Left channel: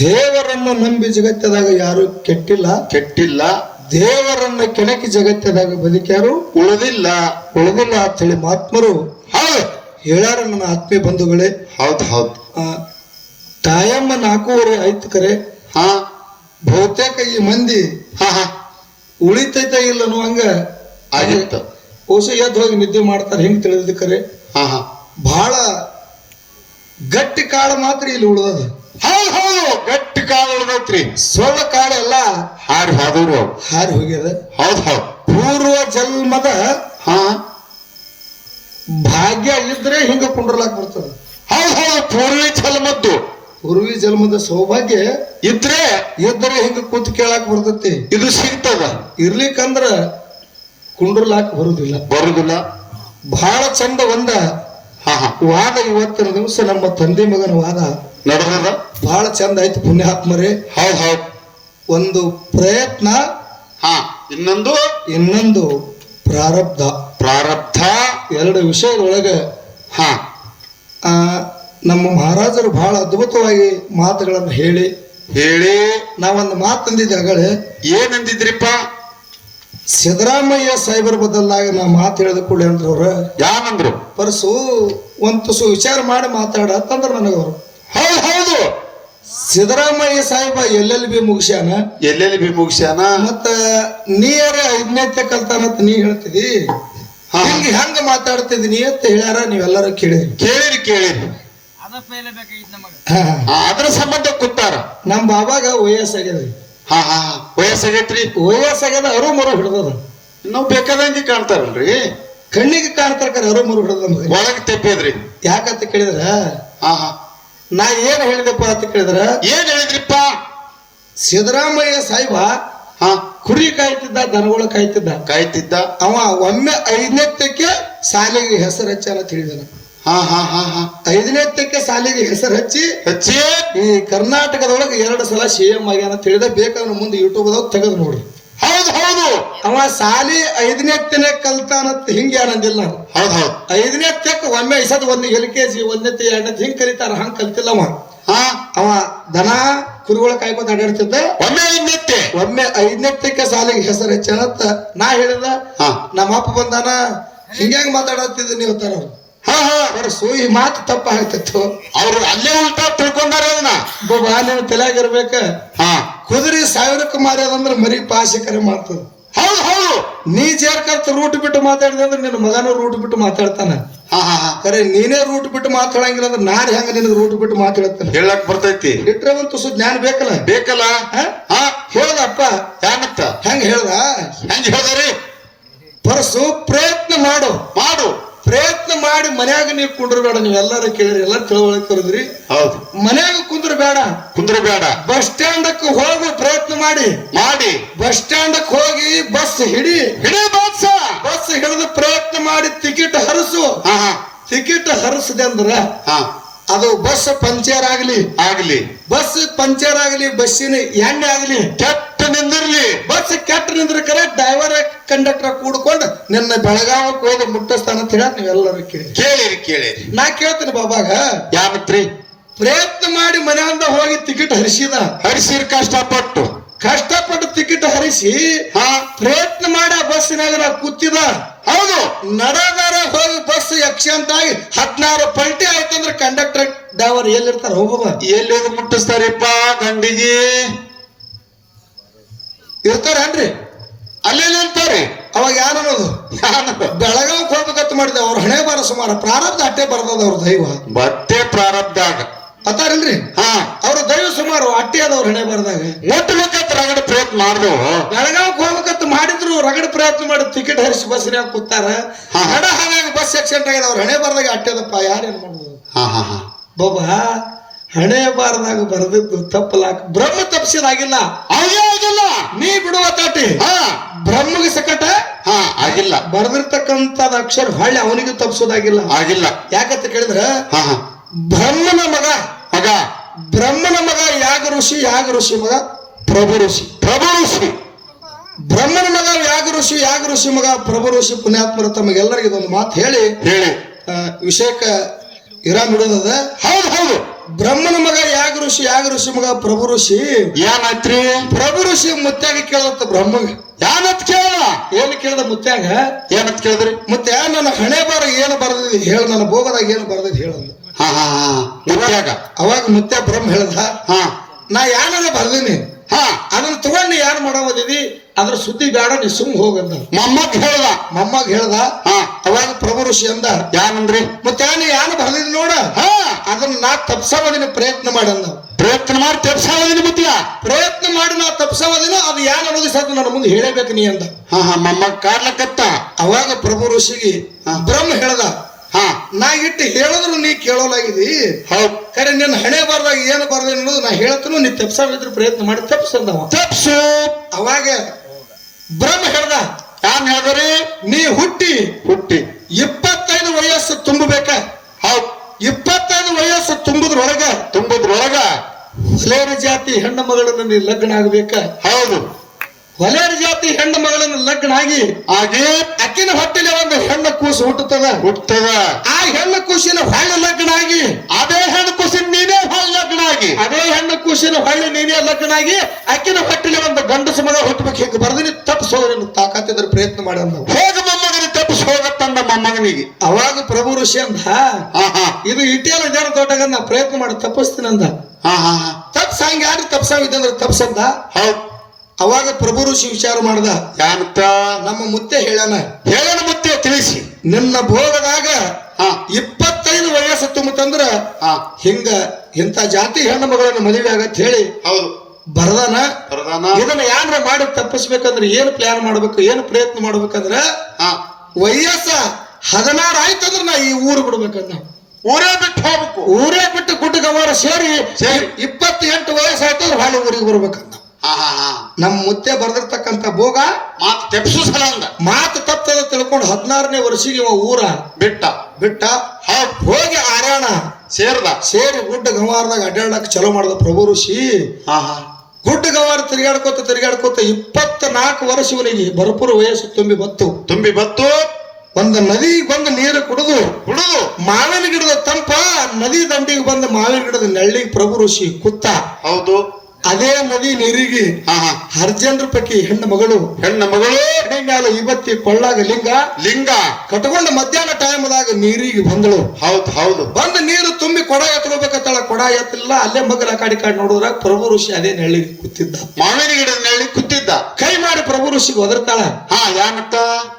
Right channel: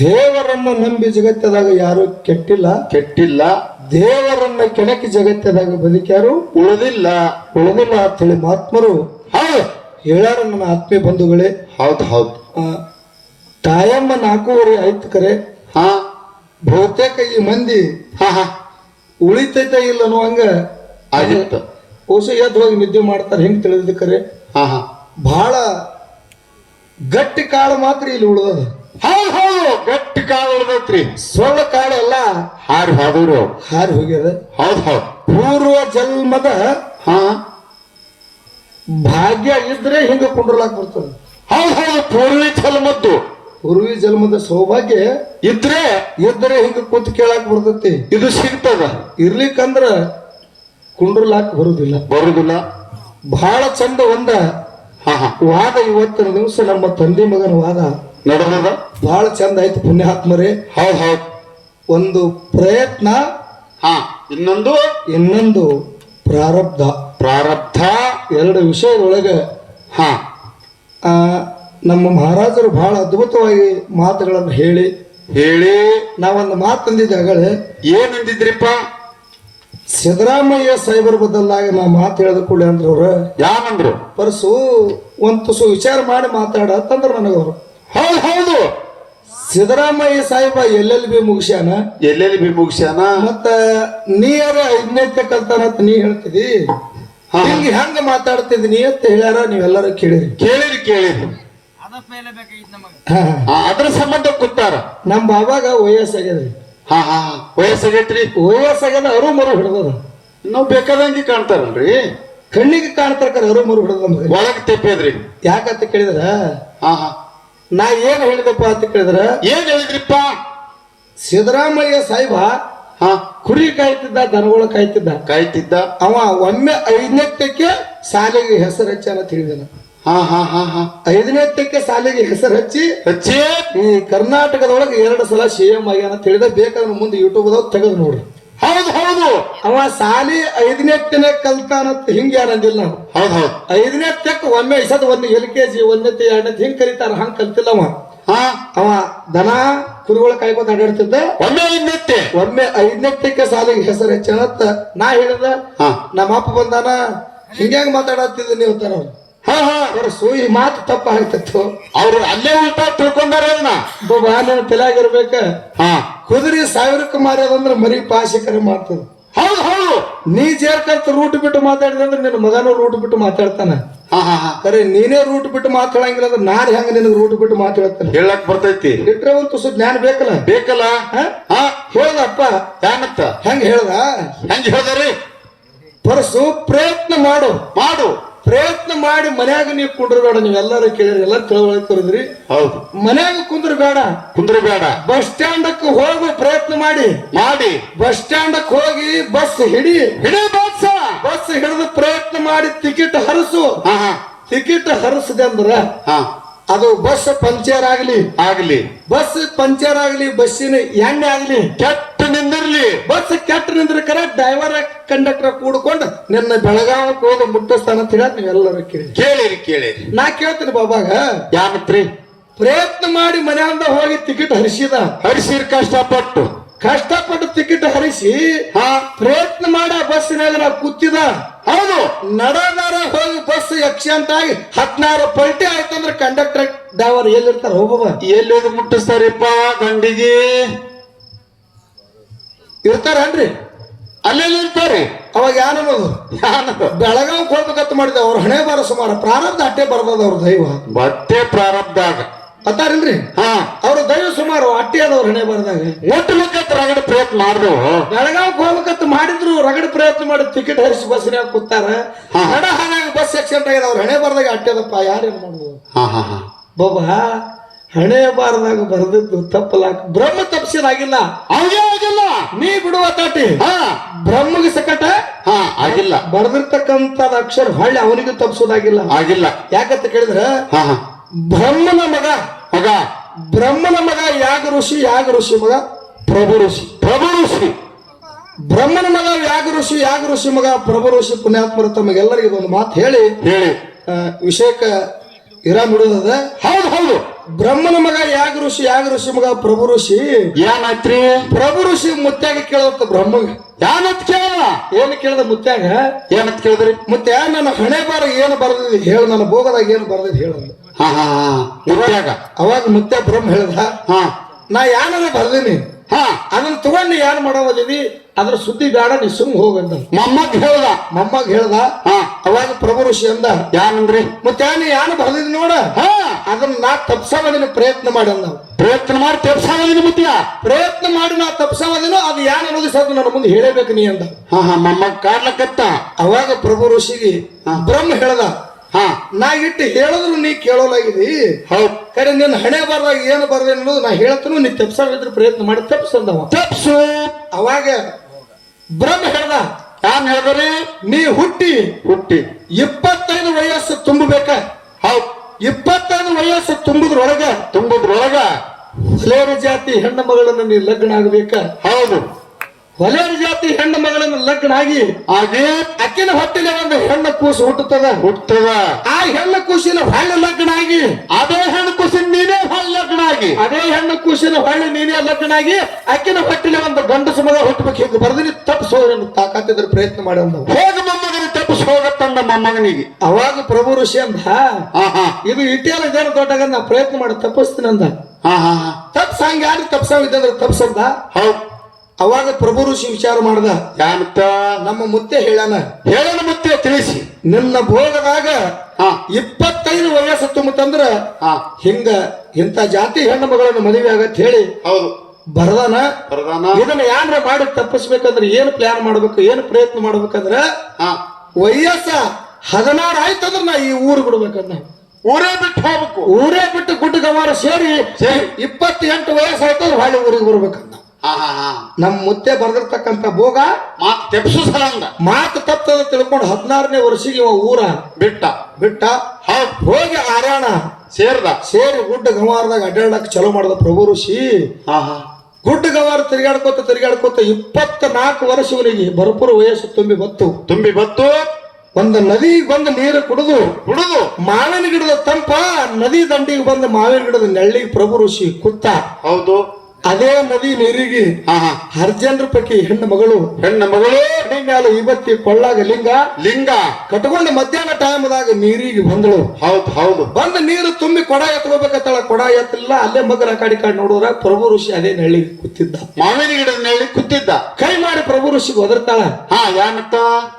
ದೇವರನ್ನು ನಂಬಿ ಜಗತ್ತದಾಗ ಯಾರು ಕೆಟ್ಟಿಲ್ಲ. ಕೆಟ್ಟಿಲ್ಲ. ದೇವರನ್ನ ಕೆಣಕಿ ಜಗತ್ತದಾಗ ಬದುಕ್ಯಾರು? ಉಳಿದಿಲ್ಲ. ಉಳಿದಿಲ್ಲ ಅಂತೇಳಿ ಮಹಾತ್ಮರು ಹೌದು. ಹೇಳಾರ ನನ್ನ ಆತ್ಮೀಯ ಬಂಧುಗಳೇ. ಹೌದು ಹೌದು. ತಾಯಮ್ಮ ನಾಲ್ಕೂವರೆ ಆಯ್ತು ಕರೆ. ಹಾ. ಬಹುತೇಕ ಈ ಮಂದಿ ಹಾ ಹಾ. ಉಳಿತೈತೆ ಇಲ್ಲ ಅನ್ನೋ ಹಂಗ ಆಗಿತ್ತು. ಕೋಸ ಎದ್ದು ಹೋಗಿ ನಿದ್ದೆ ಮಾಡ್ತಾರೆ ಹೆಂಗ್ ತಿಳಿದ ಕರೆ? ಹಾ ಹಾ. ಬಹಳ ಗಟ್ಟಿ ಕಾಳು ಮಾತ್ರ ಇಲ್ಲಿ ಉಳ್ದದ ಹೌದು ಹೌದು ಗಟ್ಟಿ ಕಾಲು ಉಳಿದೈತ್ರಿ. ಸೊಳ್ಳ ಕಾಳು ಎಲ್ಲ ಹಾರಿ ಹೋದವ್ರು. ಹಾರಿ ಹೋಗ್ಯದ? ಹೌದು ಹೌದು. ಪೂರ್ವ ಜನ್ಮದ ಹಾ. ಭಾಗ್ಯ ಇದ್ರೆ ಹಿಂಗ ಕುಂಡ್ರಲಾಕ್ ಬರ್ತದ. ಹೌದು ಹೌದು. ಪೂರ್ವಿ ಜನ್ಮದ್ದು. ಪೂರ್ವಿ ಜನ್ಮದ ಸೌಭಾಗ್ಯ ಇದ್ರೆ ಇದ್ರೆ ಹಿಂಗ ಕೂತ್ ಕೇಳಾಕ್ ಬರ್ತೈತಿ. ಇದು ಸಿಗ್ತದ. ಇರ್ಲಿಕ್ಕಂದ್ರ ಕುಂಡ್ರಲಾಕ್ ಬರುದಿಲ್ಲ. ಬರುದಿಲ್ಲ. ಬಹಳ ಚಂದ ಒಂದ ವಾದ ಇವತ್ತಿನ ದಿವಸ ನಮ್ಮ ತಂದೆ ಮಗನ ವಾದ. ನಡೆದ ಬಹಳ ಚಂದ ಆಯ್ತು ಪುಣ್ಯಾತ್ಮರೇ ಹೌದು ಹೌದು ಒಂದು ಪ್ರಯತ್ನ ಹಾ ಇನ್ನೊಂದು? ಇನ್ನೊಂದು ಪ್ರಾರಬ್ಧ. ಪ್ರಾರಬ್ಧ? ಎರಡು ವಿಷಯದೊಳಗೆ ಹಾ. ಆ, ನಮ್ಮ ಮಹಾರಾಜರು ಬಹಳ ಅದ್ಭುತವಾಗಿ ಮಾತುಗಳನ್ನು ಹೇಳಿ. ಹೇಳಿ. ನಾವೊಂದು ಮಾತಂದಿದ್ದಾಗಳೆ ಏನಂದಿದ್ರಿಪ್ಪ? ಸಿದ್ದರಾಮಯ್ಯ ಸಾಹೇಬರ ಬದಲಾಗಿ ನಾವು ಮಾತು ಹೇಳಿದ ಕೂಡಲೇ ಅಂದ್ರೆ ಅವ್ರ ಯಾನಂದ್ರು? ಪರಸು ಒಂದು ತುಸು ವಿಚಾರ ಮಾಡಿ ಮಾತಾಡ ಅಂತಂದ್ರೆ ನನಗವ್ರು. ಹೌದು ಹೌದು. ಸಿದ್ದರಾಮಯ್ಯ ಸಾಹೇಬ ಎಲ್ಲೆಲ್ಲಿ ಬಿ ಮುಗಿಸ್ಯಾನ? ಎಲ್ಲೆಲ್ಲಿ ಬಿ ಮುಗಿಸ್ಯಾನ? ಮತ್ತ ನೀರ ಐದನೇತೆ ಕಲ್ತಾನಂತ ನೀ ಹೇಳ್ತಿದಿ? ಹಂಗ ಹೆಂಗ ಮಾತಾಡ್ತಿದ್ನಿ ಅಂತ ಹೇಳ್ಯಾರ ನೀವೆಲ್ಲರೂ ಕೇಳಿರಿ. ಕೇಳಿರಿ ಕೇಳಿರಿ. ಹಾ. ಹಾ, ಅದ್ರ ಸಂಬಂಧ ಕೊಟ್ಟಾರ ನಮ್ಮ ಬಾಬಾಗ ವಯಸ್ಸಾಗ್ಯದ ಹಾ ಹಾ ಹಾ. ವಯಸ್ಸಾಗೈತ್ರಿ ವಯಸ್ಸಾಗ್ಯದ ಅರು ಮರು ಹಿಡ್ದದ. ನಾವು ಬೇಕಾದಂಗೆ ಕಾಣ್ತಾರಲ್ರಿ. ಕಣ್ಣಿಗೆ ಕಾಣ್ತಾರ ಅರು ಮರು ಹಿಡ್ದ. ಒಳಗ್ ತೆಪ್ಪದ್ರಿ. ಯಾಕಂತ ಕೇಳಿದ್ರ? ಹಾ ಹಾ. ನಾ ಏನ್ ಹೇಳಿದೆಪ್ಪ ಅಂತ ಕೇಳಿದ್ರೆ ಏನ್ ಹೇಳಿದ್ರಿಪ್ಪ? ಸಿದ್ದರಾಮಯ್ಯ ಸಾಹೇಬ ಹಾ. ಕುರಿ ಕಾಯ್ತಿದ್ದ ದನಗಳು ಕಾಯ್ತಿದ್ದ. ಕಾಯ್ತಿದ್ದ? ಅವ ಒಮ್ಮೆ ಐದನೇತ್ತಕ್ಕೆ ಶಾಲೆಗೆ ಹೆಸರು ಹಚ್ಚ ಅಂತ ಹೇಳಿದನು. ಹಾ ಹಾ ಹಾ ಹಾ. ತಕ್ಕೆ ಸಾಲಿಗೆ ಹೆಸರು ಹಚ್ಚಿ ಹಚ್ಚಿ? ಈ ಕರ್ನಾಟಕದೊಳಗೆ ಎರಡು ಸಲ ಸಿ ಎಂ ಆಗ್ಯಾನ ಅಂತ ಹೇಳಿದ ಬೇಕಾದ್ರೆ ಮುಂದೆ ಯೂಟ್ಯೂಬ್ದಾಗ ತೆಗೆದು ನೋಡ್ರಿ. ಹೌದು ಹೌದು. ಅವ ಸಾಲಿ ಐದನೇತ್ತನೇ ಕಲ್ತಾನಂತ ಹಿಂಗ ಯಾರಂದಿಲ್ಲ ನಾವು ಹೌದು ಹೌದು. ತಕ್ಕ ಒಮ್ಮೆ ಇಸದ್ ಒಂದು ಎಲ್ ಕೆ ಜಿ ಒಂದನೇ ಎರಡನೇ ಹಿಂಗ್ ಕಲಿತಾರ ಹಂಗ್ ಕಲ್ತಿಲ್ಲ ಅವ. ಹಾ. ಅವ ದನ ಕುರುಗಳ ಕಾಯ್ಕೋತ ಅಡಾಡ್ತಿದ್ದ ಒಮ್ಮೆ ಇನ್ನೆತ್ತೆ. ಒಮ್ಮೆ ಐದನೇತ್ತಕ್ಕೆ ಸಾಲಿಗೆ ಹೆಸರು ಹೆಚ್ಚನತ್ತ ನಾ ಹೇಳಿದ. ಹಾ. ನಮ್ಮ ಅಪ್ಪ ಬಂದಾನ ಹಿಂಗ್ಯಾಂಗ ಮಾತಾಡತ್ತಿದ್ದ ನೀವು ತರ ಹಾ ಹಾ. ಅವ್ರ ಸೂಯಿ ಮಾತು ತಪ್ಪ ಆಗ್ತಿತ್ತು ಅವ್ರು ಅಲ್ಲೇ ಉಲ್ಟಾ ತಿಳ್ಕೊಂಡಾರ ನೀವು ತಲೆಯಾಗಿರ್ಬೇಕ ಹಾ. ಕುದುರೆ ಸಾವಿರಕ್ಕೆ ಮಾರ್ಯಾದಂದ್ರೆ ಮರಿ ಪಾಶಕರ ಮಾತು. ಹೌದು ಹೌದು. ನೀ ಜೇರ್ಕರ್ತ ರೂಟ್ ಬಿಟ್ಟು ಮಾತಾಡಿದೆ ಅಂದ್ರೆ ನಿನ್ನ ಮಗನೂ ರೂಟ್ ಬಿಟ್ಟು ಮಾತಾಡ್ತಾನ. ಹಾ ಹಾ ಹಾ. ಖರೆ ನೀನೇ ರೂಟ್ ಬಿಟ್ಟು ಮಾತಾಡಂಗಿಲ್ಲ ಅಂದ್ರೆ ನಾನ್ ಹೆಂಗ ನಿನಗೆ ರೂಟ್ ಬಿಟ್ಟು ಮಾತಾಡ್ತಾನೆ? ಹೇಳಕ್ ಬರ್ತೈತಿ. ಬಿಟ್ರೆ ಒಂದು ತುಸು ಜ್ಞಾನ ಬೇಕಲ್ಲ? ಬೇಕಲ್ಲ? ಹಾ? ಹೇಳ್ದಪ್ಪ. ಯಾನತ್ತ? ಹೆಂಗ್ ಹೇಳ್ದ? ಹೆಂಗ್ ಹೇಳ್ದಾರಿ ಪರಸು ಪ್ರಯತ್ನ ಮಾಡು. ಮಾಡು. ಪ್ರಯತ್ನ ಮಾಡಿ ಮನ್ಯಾಗ ನೀವು ಕುಂಡ್ರಬೇಡ ನೀವೆಲ್ಲರೂ ಕೇಳಿರಿ ಎಲ್ಲರೂ ತಿಳುವಳಿಕೆ ಹೌದು. ಮನ್ಯಾಗ ಕುಂದ್ರ ಬೇಡ ಕುಂದ್ರ ಬೇಡ ಬಸ್ ಸ್ಟ್ಯಾಂಡಕ್ಕೆ ಹೋಗು ಪ್ರಯತ್ನ ಮಾಡಿ. ಮಾಡಿ. ಬಸ್ ಸ್ಟ್ಯಾಂಡಕ್ಕೆ ಹೋಗಿ ಬಸ್ ಹಿಡಿ. ಹಿಡಿ ಬಸ್. ಬಸ್ ಹಿಡಿದು ಪ್ರಯತ್ನ ಮಾಡಿ ಟಿಕೆಟ್ ಹರಸು. ಟಿಕೆಟ್ ಹರಸದೆ ಅಂದ್ರ ಹಾ. ಅದು ಬಸ್ ಪಂಚರ್ ಆಗಲಿ. ಆಗ್ಲಿ. ಬಸ್ ಪಂಚರ್ ಆಗ್ಲಿ ಬಸ್ಸಿನ ಎಣ್ಣೆ ಆಗಲಿ ಕೆಟ್ಟ ನಿಂದಿರ್ಲಿ. ಬಸ್ ಕೆಟ್ಟ ನಿಂದ್ರ ಕರೆ ಡ್ರೈವರ್ ಕಂಡಕ್ಟರ್ ಕೂಡ್ಕೊಂಡು ನಿನ್ನ ಬೆಳಗಾವಕ್ಕೆ ಹೋಗಿ ಮುಟ್ಟಿಸ್ತಾನ ಅಂತ ಹೇಳಿ ನೀವೆಲ್ಲರೂ ಕೇಳಿ. ಕೇಳಿರಿ ಕೇಳಿರಿ. ನಾ ಕೇಳ್ತೀನಿ ಬಾಬಾಗ ಯಾವತ್ರಿ? ಪ್ರಯತ್ನ ಮಾಡಿ ಮನೆಯಿಂದ ಹೋಗಿ ಟಿಕೆಟ್ ಹರಿಸಿದ. ಹರಿಸಿರ್ ಕಷ್ಟಪಟ್ಟು. ಕಷ್ಟಪಟ್ಟು ಟಿಕೆಟ್ ಹರಿಸಿ ಹಾ. ಪ್ರಯತ್ನ ಮಾಡಿ ಆ ಬಸ್ಸಿನಾಗ ನಾವು ಕೂತಿದ. ಹೌದು ನಡೆದಾರ ಹೋಗಿ ಬಸ್ ಆಕ್ಸಿಡೆಂಟ್ ಆಗಿ ಹದಿನಾರು ಪಲ್ಟಿ ಆಯ್ತಂದ್ರೆ ಕಂಡಕ್ಟರ್ ಡ್ರೈವರ್ ಎಲ್ಲಿರ್ತಾರ? ಹೋಗುವ ಎಲ್ಲಿ ಹೋಗಿ ಮುಟ್ಟಿಸ್ತಾರಿಪ್ಪ ಗಂಡಿಗೆ? ಇರ್ತಾರನ್ರಿ? ಅಲ್ಲೇ ನಿಲ್ತಾರಿ ಅವಾಗ ಯಾನದು ಬೆಳಗಾವ್ ಹೋಗ್ಬೇಕಂತ ಮಾಡಿದ ಅವ್ರ ಹಣೆ ಬಾರ ಸುಮಾರು. ಪ್ರಾರಬ್ಧ ಅಟ್ಟೆ ಬರ್ತದ ಅವ್ರ ದೈವ. ಮತ್ತೆ ಪ್ರಾರಬ್ಧಾಗ ಅತ್ತಾರಲ್ರಿ? ಹಾ. ಅವ್ರ ದೈವ ಸುಮಾರು ಅಟ್ಟೆ ಅದ ಅವ್ರ ಹಣೆ ಬರ್ದಾಗ ಒಟ್ಟು ರಗಡ ಪ್ರಯತ್ನ ಮಾಡ್ದು? ಬೆಳಗಾವ್ ಮಾಡಿದ್ರು ರಗಡ ಪ್ರಯತ್ನ ಮಾಡಿ ಟಿಕೆಟ್ ಹರಿಸಿ ಬಸ್ನ್ಯಾಗ ಕೂತಾರ. ಹಣ ನಡ ಬಸ್ ಆಕ್ಸಿಡೆಂಟ್ ಆಗ್ಯದ ಅವ್ರ ಹಣೆ ಬರ್ದಾಗ ಅಟ್ಟದಪ್ಪ ಯಾರೇನ್ ಹಾ ಬಾಬಾ ಹಣೆ ಬಾರದಾಗ ಬರೆದಿದ್ದು ತಪ್ಪಲಾಕ ಬ್ರಹ್ಮ ತಪ್ಪಿಸಿದಾಗಿಲ್ಲ ಆಗಿಲ್ಲ. ನೀ ಬಿಡುವ ತಾಟಿ ಹಾ. ಬ್ರಹ್ಮಗೆ ಸಕಟ? ಹಾ ಆಗಿಲ್ಲ. ಬರೆದಿರ್ತಕ್ಕಂಥದ ಅಕ್ಷರ ಹೊಳ್ಳಿ ಅವನಿಗೂ ತಪ್ಪಿಸೋದಾಗಿಲ್ಲ ಆಗಿಲ್ಲ. ಯಾಕಂತ ಕೇಳಿದ್ರ? ಬ್ರಹ್ಮನ ಮಗ. ಮಗ. ಬ್ರಹ್ಮನ ಮಗ ಯಾಗ ಋಷಿ ಯಾಗ ಋಷಿ ಮಗ? ಪ್ರಭು ಋಷಿ. ಪ್ರಭು ಋಷಿ. ಬ್ರಹ್ಮನ ಮಗ ಯಾಗ ಋಷಿ ಯಾಗ ಋಷಿ ಮಗ ಪ್ರಭು ಋಷಿ ಪುಣ್ಯಾತ್ಮರು ತಮಗೆಲ್ಲರಿಗೆ ಇದೊಂದು ಮಾತು ಹೇಳಿ ಹೇಳಿ. ವಿಷಯಕ್ಕ ಇಡೋದದ ಹೌದು ಹೌದು. ಬ್ರಹ್ಮನ ಮಗ ಯಾಗ ಋಷಿ ಯಾಗ ಋಷಿ ಮಗ ಪ್ರಭು ಋಷಿ. ಏನಾಯ್ತ್ರಿ? ಪ್ರಭು ಋಷಿ ಮುತ್ಯಾಗ ಕೇಳತ್ತ ಬ್ರಹ್ಮಗ ಯಾನತ್ ಕೇಳ? ಏನು ಕೇಳ್ದ ಮುತ್ಯಾಗ? ಏನಂತ ಕೇಳಿದ್ರಿ? ಮತ್ತೆ ನನ್ನ ಹಣೆ ಬಾರ ಏನು ಬರ್ದಿದ್ ಹೇಳ ನನ್ನ ಭೋಗದಾಗ ಏನು ಬರ್ದಿದ್ ಹೇಳಂದ ಹಾ ಹಾ ಹಾ. ಮುತ್ಯಾಗ. ಅವಾಗ ಮುತ್ಯ ಬ್ರಹ್ಮ ಹೇಳ್ದ ಹಾ. ನಾ ಯಾನೇ ಬರ್ದೀನಿ. ಹಾ. ಅದನ್ನ ತಗೊಂಡು ಏನ್ ಮಾಡೋದಿದಿ ಅದ್ರ ಸುದ್ದಿ ಬೇಡ ನೀ ಸುಮ್ ಹೋಗಂದ ಮೊಮ್ಮಗ್ ಹೇಳ್ದ. ಮೊಮ್ಮಗ್ ಹೇಳ್ದ? ಹಾ. ಅವಾಗ ಪ್ರಭು ಋಷಿ ಅಂದ ಯಾನಂದ್ರಿ? ಮತ್ತೆ ನೀ ಯಾನು ಬರ್ದಿದ್ ನೋಡ? ಹಾ. ಅದನ್ನ ನಾ ತಪ್ಸವದಿನ ಪ್ರಯತ್ನ ಮಾಡಂದ ಪ್ರಯತ್ನ ಮಾಡಿ ತಪ್ಸವದಿನ ಬುದ್ಧಿಯ ಪ್ರಯತ್ನ ಮಾಡಿ ನಾ ತಪ್ಸವದಿನ ಅದು ಯಾನ ಅನ್ನೋದು ಸತ್ ನನ್ನ ಮುಂದೆ ಹೇಳಬೇಕು ನೀ ಅಂದ. ಹಾ ಹಾ ಮೊಮ್ಮಗ್ ಕಾಡ್ಲಕತ್ತ. ಅವಾಗ ಪ್ರಭು ಋಷಿಗೆ ಬ್ರಹ್ಮ ಹೇಳ್ದ ಹಾ. ನಾ ಇಟ್ಟು ಹೇಳಿದ್ರು ನೀ ಕೇಳೋಲಾಗಿದಿ. ಹೌದು. ಕರೆ ನಿನ್ನ ಹಣೆ ಬರ್ದಾಗ ಏನು ಬರ್ದೆ ಅನ್ನೋದು ನಾ ಹೇಳ್ತನು ನೀ ತಪ್ಸವಿದ್ರ ಪ್ರಯತ್ನ ಮಾಡಿ. ತಪ್ಸಂದ ತಪ್ಸು. ಅವಾಗ ಬ್ರಹ್ಮ ಹೇಳ್ದ ಯಾನ್ ಹೇಳಿದ್ರಿ? ನೀ ಹುಟ್ಟಿ. ಹುಟ್ಟಿ. ಇಪ್ಪತ್ತೈದು ವಯಸ್ಸು ತುಂಬಬೇಕ. ಹೌದು. ಇಪ್ಪತ್ತೈದು ವಯಸ್ಸು ತುಂಬಿದ್ರೊಳಗ ತುಂಬಿದ್ರೊಳಗ ಹೊಲೇರ ಜಾತಿ ಹೆಣ್ಣು ಮಗಳನ್ನು ನೀ ಲಗ್ನ ಆಗ್ಬೇಕ. ಹೌದು. ಹೊಲೇರ ಜಾತಿ ಹೆಣ್ಣು ಮಗಳನ್ನು ಲಗ್ನ ಆಗಿ ಹಾಗೆ ಅಕ್ಕಿನ ಹೊಟ್ಟೆಲಿ ಒಂದು ಹೆಣ್ಣು ಕೂಸು ಹುಟ್ಟುತ್ತದ. ಹುಟ್ಟದ ಆ ಹೆಣ್ಣು ಕೂಸಿನ ಹೊಳ್ಳ ಲಗ್ನ ಆಗಿ ಅದೇ ಹೆಣ್ಣು ಕೂಸಿನ ನೀನೇ ಹೊಳ್ಳ ಲಗ್ನ ಆಗಿ ಅದೇ ಹೆಣ್ಣು ಕೂಸಿನ ಹೊಳ್ಳಿ ನೀನೇ ಲಗ್ನ ಆಗಿ ಅಕ್ಕಿನ ಹೊಟ್ಟೆಲಿ ಒಂದು ಗಂಡಸು ಮಗ ಹುಟ್ಟಬೇಕು ಹಿಂಗ ಬರ್ದಿನಿ ತಪ್ಪಿಸೋದನ್ನು ತಾಕತ್ತಿದ್ರ ಪ್ರಯತ್ನ ಮಾಡಿ ಅಂದ ಹೋಗ ಮೊಮ್ಮಗನ ತಪ್ಪಿಸ್ ಹೋಗತ್ತಂದ ಮೊಮ್ಮಗನಿಗೆ? ಅವಾಗ ಪ್ರಭು ಋಷಿ ಅಂದ ಇದು ಇಟ್ಟಿಯಲ್ಲ ಜನ ತೋಟಗ ನಾ ಪ್ರಯತ್ನ ಮಾಡಿ ತಪ್ಪಿಸ್ತೀನಿ ಅಂದ. ಹಾ ಹಾ ಹಾ. ತಪ್ಸ ಹಂಗ ಯಾರು ತಪ್ಸಾವಿದ್ದಂದ್ರೆ ತಪ್ಸಂದ ಹೌದ್. ಅವಾಗ ಪ್ರಭುರು ಋಷಿ ವಿಚಾರ ಮಾಡ್ದ ಯಾಕ ನಮ್ಮ ಮುತ್ತೆ ಹೇಳನ? ಹೇಳನ ಮತ್ತೆ ತಿಳಿಸಿ. ನಿನ್ನ ಭೋಗದಾಗ ಇಪ್ಪತ್ತೈದು ವಯಸ್ಸು ತುಂಬತಂದ್ರ ಹಿಂಗ ಇಂತ ಜಾತಿ ಹೆಣ್ಣು ಮಗಳನ್ನು ಮದುವೆ ಆಗತ್ ಹೇಳಿ ಹೌದು. ಬರ್ದಾನ? ಬರದಾನ. ಇದನ್ನ ಯಾರ ಮಾಡಿ ತಪ್ಪಿಸ್ಬೇಕಂದ್ರೆ ಏನು ಪ್ಲಾನ್ ಮಾಡ್ಬೇಕು ಏನು ಪ್ರಯತ್ನ ಮಾಡ್ಬೇಕಂದ್ರ ವಯಸ್ಸ ಹದಿನಾರು ಆಯ್ತಂದ್ರ ನಾ ಈ ಊರು ಬಿಡ್ಬೇಕನ್ನ ಊರೇ ಬಿಟ್ಟು ಹೋಗ್ಬೇಕು. ಊರೇ ಬಿಟ್ಟು ಗುಡ್ಡ ಗವಾರ ಸೇರಿ. ಇಪ್ಪತ್ತೆಂಟು ವಯಸ್ಸಾಯ್ತು ಹೊಳ್ಳಿ ಊರಿಗೆ ಹಾ ನಮ್ಮ ಮುತ್ತೆ ಬರ್ದಿರ್ತಕ್ಕಂಥ ಭೋಗ ಮಾತು ತೆಪ್ಸು ಸಲಂಗ. ಮಾತು ತಪ್ಪದ ತಿಳ್ಕೊಂಡು ಹದಿನಾರನೇ ವರ್ಷಿಗೆ ಇವ ಊರ ಬಿಟ್ಟ. ಬಿಟ್ಟ. ಹೋಗಿ ಆರ್ಯಾಣ ಸೇರ್ದ. ಸೇರಿ ಗುಡ್ಡ ಗವಾರದಾಗ ಅಡ್ಡಾಡಕ್ ಚಲೋ ಮಾಡ್ದ ಪ್ರಭು ಋಷಿ. ಗುಡ್ಡ ಗಮಾರ ತಿರುಗಾಡ್ಕೋತ ತಿರುಗಾಡ್ಕೋತ ಇಪ್ಪತ್ತ ನಾಲ್ಕು ವರ್ಷ ಇವನಿಗೆ ಭರಪೂರ ವಯಸ್ಸು ತುಂಬಿ ಬತ್ತು. ತುಂಬಿ ಬತ್ತು. ಒಂದು ನದಿಗೆ ಬಂದು ನೀರು ಕುಡಿದು ಕುಡಿದು. ಮಾವಿನ ಗಿಡದ ತಂಪ ನದಿ ದಂಡಿಗೆ ಬಂದು ಮಾವಿನ ಗಿಡದ ನೆಳ್ಳಿಗೆ ಪ್ರಭು ಋಷಿ ಕುತ್ತ. ಹೌದು. ಅದೇ ನದಿ ನೀರಿಗೆ ಹರ್ಜನ್ರ ಹೆಣ್ಣ ಹೆಣ್ಣು ಮಗಳು ಹೆಣ್ಣ ಮಗಳು ಮ್ಯಾಲ ಇವತ್ತಿ ಕೊಳ್ಳಾಗ ಲಿಂಗ ಲಿಂಗ. ಕಟ್ಕೊಂಡು ಮಧ್ಯಾಹ್ನ ಟೈಮ್ದಾಗ ನೀರಿಗೆ ಬಂದಳು. ಹೌದು ಹೌದು. ಬಂದ ನೀರು ತುಂಬಿ ಕೊಡ ಎತ್ಕೋಬೇಕತ್ತಳ ಕೊಡ ಎತ್ತಲಿಲ್ಲ ಅಲ್ಲೇ ಮಗನ ಕಾಡಿ ಕಾಡಿ ನೋಡಿದ್ರ ಪ್ರಭು ಋಷಿ ಅದೇ ನೆಳ್ಳಿ ಕೂತಿದ್ದ. ಮಾವಿನ ಗಿಡದ ನೆಳ್ಳಿ ಕೂತಿದ್ದ. ಕೈ ಮಾಡಿ ಪ್ರಭು ಋಷಿಗೆ ಒದರ್ತಾಳ. ಹಾ ಯಾನಂತ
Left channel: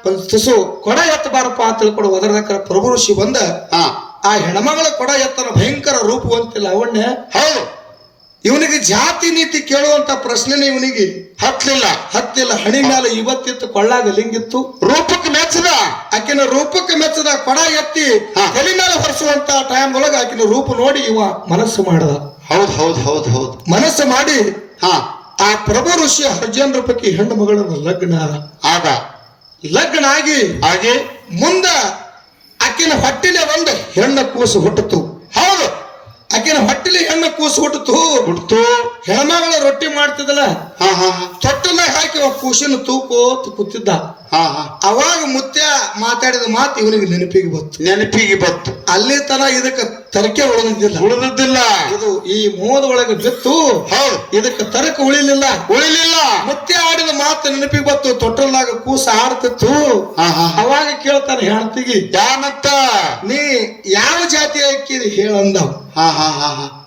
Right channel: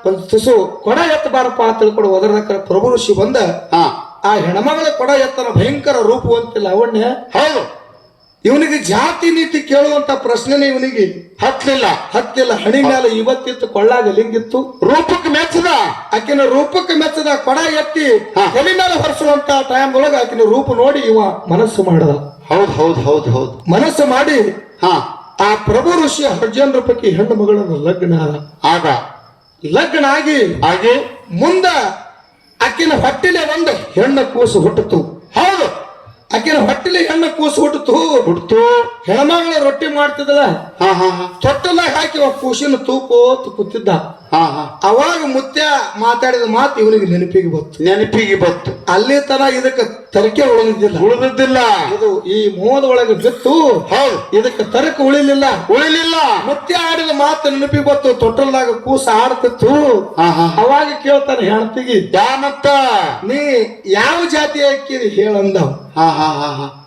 ಒಂದ್ ತುಸು ಕೊಡ ಎತ್ತಬಾರಪ್ಪ ಅಂತ ತಿಳ್ಕೊಂಡು ಒದರ್ದಕ್ಕ ಪ್ರಭು ಋಷಿ ಬಂದ. ಹಾ. ಆ ಹೆಣ್ಮಗಳ ಕೊಡ ಎತ್ತನ ಭಯಂಕರ ರೂಪವಂತಿಲ್ಲ ಅವಣ್ಣೆ ಹೌದು. ಇವನಿಗೆ ಜಾತಿ ನೀತಿ ಕೇಳುವಂತ ಪ್ರಶ್ನೆನೇ ಇವನಿಗೆ ಹತ್ತಲಿಲ್ಲ. ಹತ್ತಿಲ್ಲ ಹಣಿ ಮೇಲೆ ಇವತ್ತಿತ್ತು ಕೊಳ್ಳಾಗ ಲಿಂಗಿತ್ತು. ರೂಪಕ್ಕೆ ಮೆಚ್ಚದ. ಆಕಿನ ರೂಪಕ್ಕೆ ಮೆಚ್ಚದ ಕೊಡ ಎತ್ತಿ. ತಲೆ ಮೇಲೆ ಹೊರಿಸುವಂತ ಟೈಮ್ ಒಳಗ ಆಕಿನ ರೂಪ ನೋಡಿ ಇವ ಮನಸ್ಸು ಮಾಡದ. ಹೌದು ಹೌದು ಹೌದು ಹೌದು. ಮನಸ್ಸು ಮಾಡಿ ಹಾ. ಆ ಪ್ರಭು ಋಷಿಯ ಹರ್ಜನ್ ರೂಪಕ್ಕೆ ಹೆಣ್ಣು ಮಗಳನ್ನು ಲಗ್ನ ಆದ. ಆಗ ಲಗ್ನ ಆಗಿ ಹಾಗೆ ಮುಂದ ಆಕಿನ ಹೊಟ್ಟಿಲೆ ಒಂದು ಹೆಣ್ಣು ಕೂಸು ಹುಟ್ಟಿತು ಆಕಿನ ಹೊಟ್ಟಿಲೆ ಹೆಣ್ಣ ಕೂಸು ಹುಟ್ಟಿತು ಹುಟ್ಟಿತು ಹೆಣ್ಮಗಳ ರೊಟ್ಟಿ ಮಾಡ್ತಿದ್ದಲ್ಲ? ಹಾ ತೊಟ್ಟಲಾಗ ಹಾಕಿ ಅವ ಕೂಸಿನ ತೂಕೋತ್ ಕೂತಿದ್ದ. ಹಾ ಹಾ. ಅವಾಗ ಮುತ್ಯ ಮಾತಾಡಿದ ಮಾತು ಇವನಿಗೆ ನೆನಪಿಗೆ ಬಂತು. ನೆನಪಿಗೆ ಬತ್ತು ಅಲ್ಲಿ ತರ ಇದಕ್ಕೆ ತರಕೆ ಉಳಿದಿಲ್ಲ ಉಳಿದಿದ್ದಿಲ್ಲ. ಇದು ಈ ಮೋದ ಒಳಗೆ ಬಿತ್ತು. ಹೌದು. ಇದಕ್ಕೆ ತರಕ ಉಳಿಲಿಲ್ಲ. ಉಳಿಲಿಲ್ಲ. ಮತ್ತೆ ಆಡಿದ ಮಾತು ನೆನಪಿಗೆ ಬಂತು. ತೊಟ್ಟಲ್ದಾಗ ಕೂಸ ಆಡ್ತಿತ್ತು. ಅವಾಗ ಕೇಳ್ತಾನೆ ಹೆಣ್ತಿಗಿ ಯಾನತ್ತ? ನೀ ಯಾವ ಜಾತಿ ಅಕ್ಕಿ ಹೇಳಂದವ್ ಹಾ ಹಾ ಹಾ ಹಾ.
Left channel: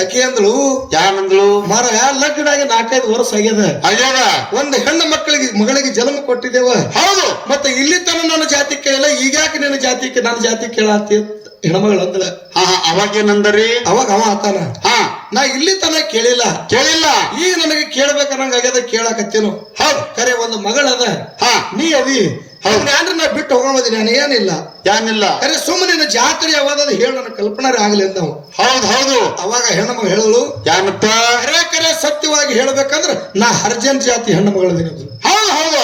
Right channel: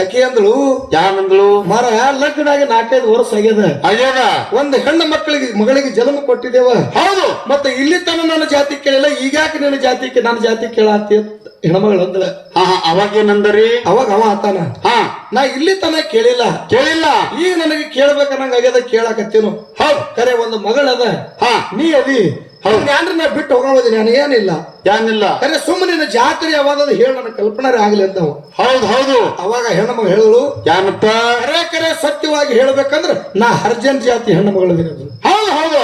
ಅಂದಳು ಯಾನಂದ್ಳು? ಮರ ಲಗ್ನಾಗಿ ನಾಲ್ಕೈದು ವರ್ಷ ಆಗ್ಯದ. ಅಯ್ಯದ ಒಂದ್ ಹೆಣ್ಣು ಮಕ್ಕಳಿಗೆ ಮಗಳಿಗೆ ಜನ್ಮ ಕೊಟ್ಟಿದ್ದೇವ. ಹೌದು. ಮತ್ತೆ ಇಲ್ಲಿ ತನ ನನ್ನ ಜಾತಿ ಕೇಳಿಲ್ಲ. ಈಗ್ಯಾಕೆ ನಿನ್ನ ಜಾತಿ ನನ್ನ ಜಾತಿ ಕೇಳಾತಿ ಹೆಣ್ಮಗಳು ಅಂದಳ ಹಾ ಹಾ ಅವಾಗೇನಂದರಿ ಅವಾಗ ಅವ ಆತಾನ. ಹಾ. ನಾ ಇಲ್ಲಿ ತನ ಕೇಳಿಲ್ಲ. ಕೇಳಿಲ್ಲ. ಈಗ ನನಗೆ ಕೇಳ್ಬೇಕನ್ನಂಗ ಆಗ್ಯದ ಕೇಳಾಕತ್ತೇನು. ಹೌದು. ಕರೆ ಒಂದು ಮಗಳದ ಹಾ. ನೀ ಅದಿ. ಯಾನ್ರ ನಾ ಬಿಟ್ಟು ಹೋಗೋದಿ ನಾನು ಏನಿಲ್ಲ. ಯಾನಿಲ್ಲ. ಕರೆ ಸುಮ್ಮನೆ ಜಾತ್ರೆ ಯಾವಾಗ ಹೇಳ ನನ್ನ ಕಲ್ಪನಾರೆ ಆಗಲಿ ಅಂತ ಹೌದು ಹೌದು. ಅವಾಗ ಹೆಣ್ಣು ಹೇಳಲು ಯಾನಪ್ಪ? ಕರೆ ಕರೆ ಸತ್ಯವಾಗಿ ಹೇಳ್ಬೇಕಂದ್ರ ನಾ ಹರ್ಜನ್ ಜಾತಿ ಹೆಣ್ಣು ಮಗಳದಿನ. ಹೌದು ಹೌದು.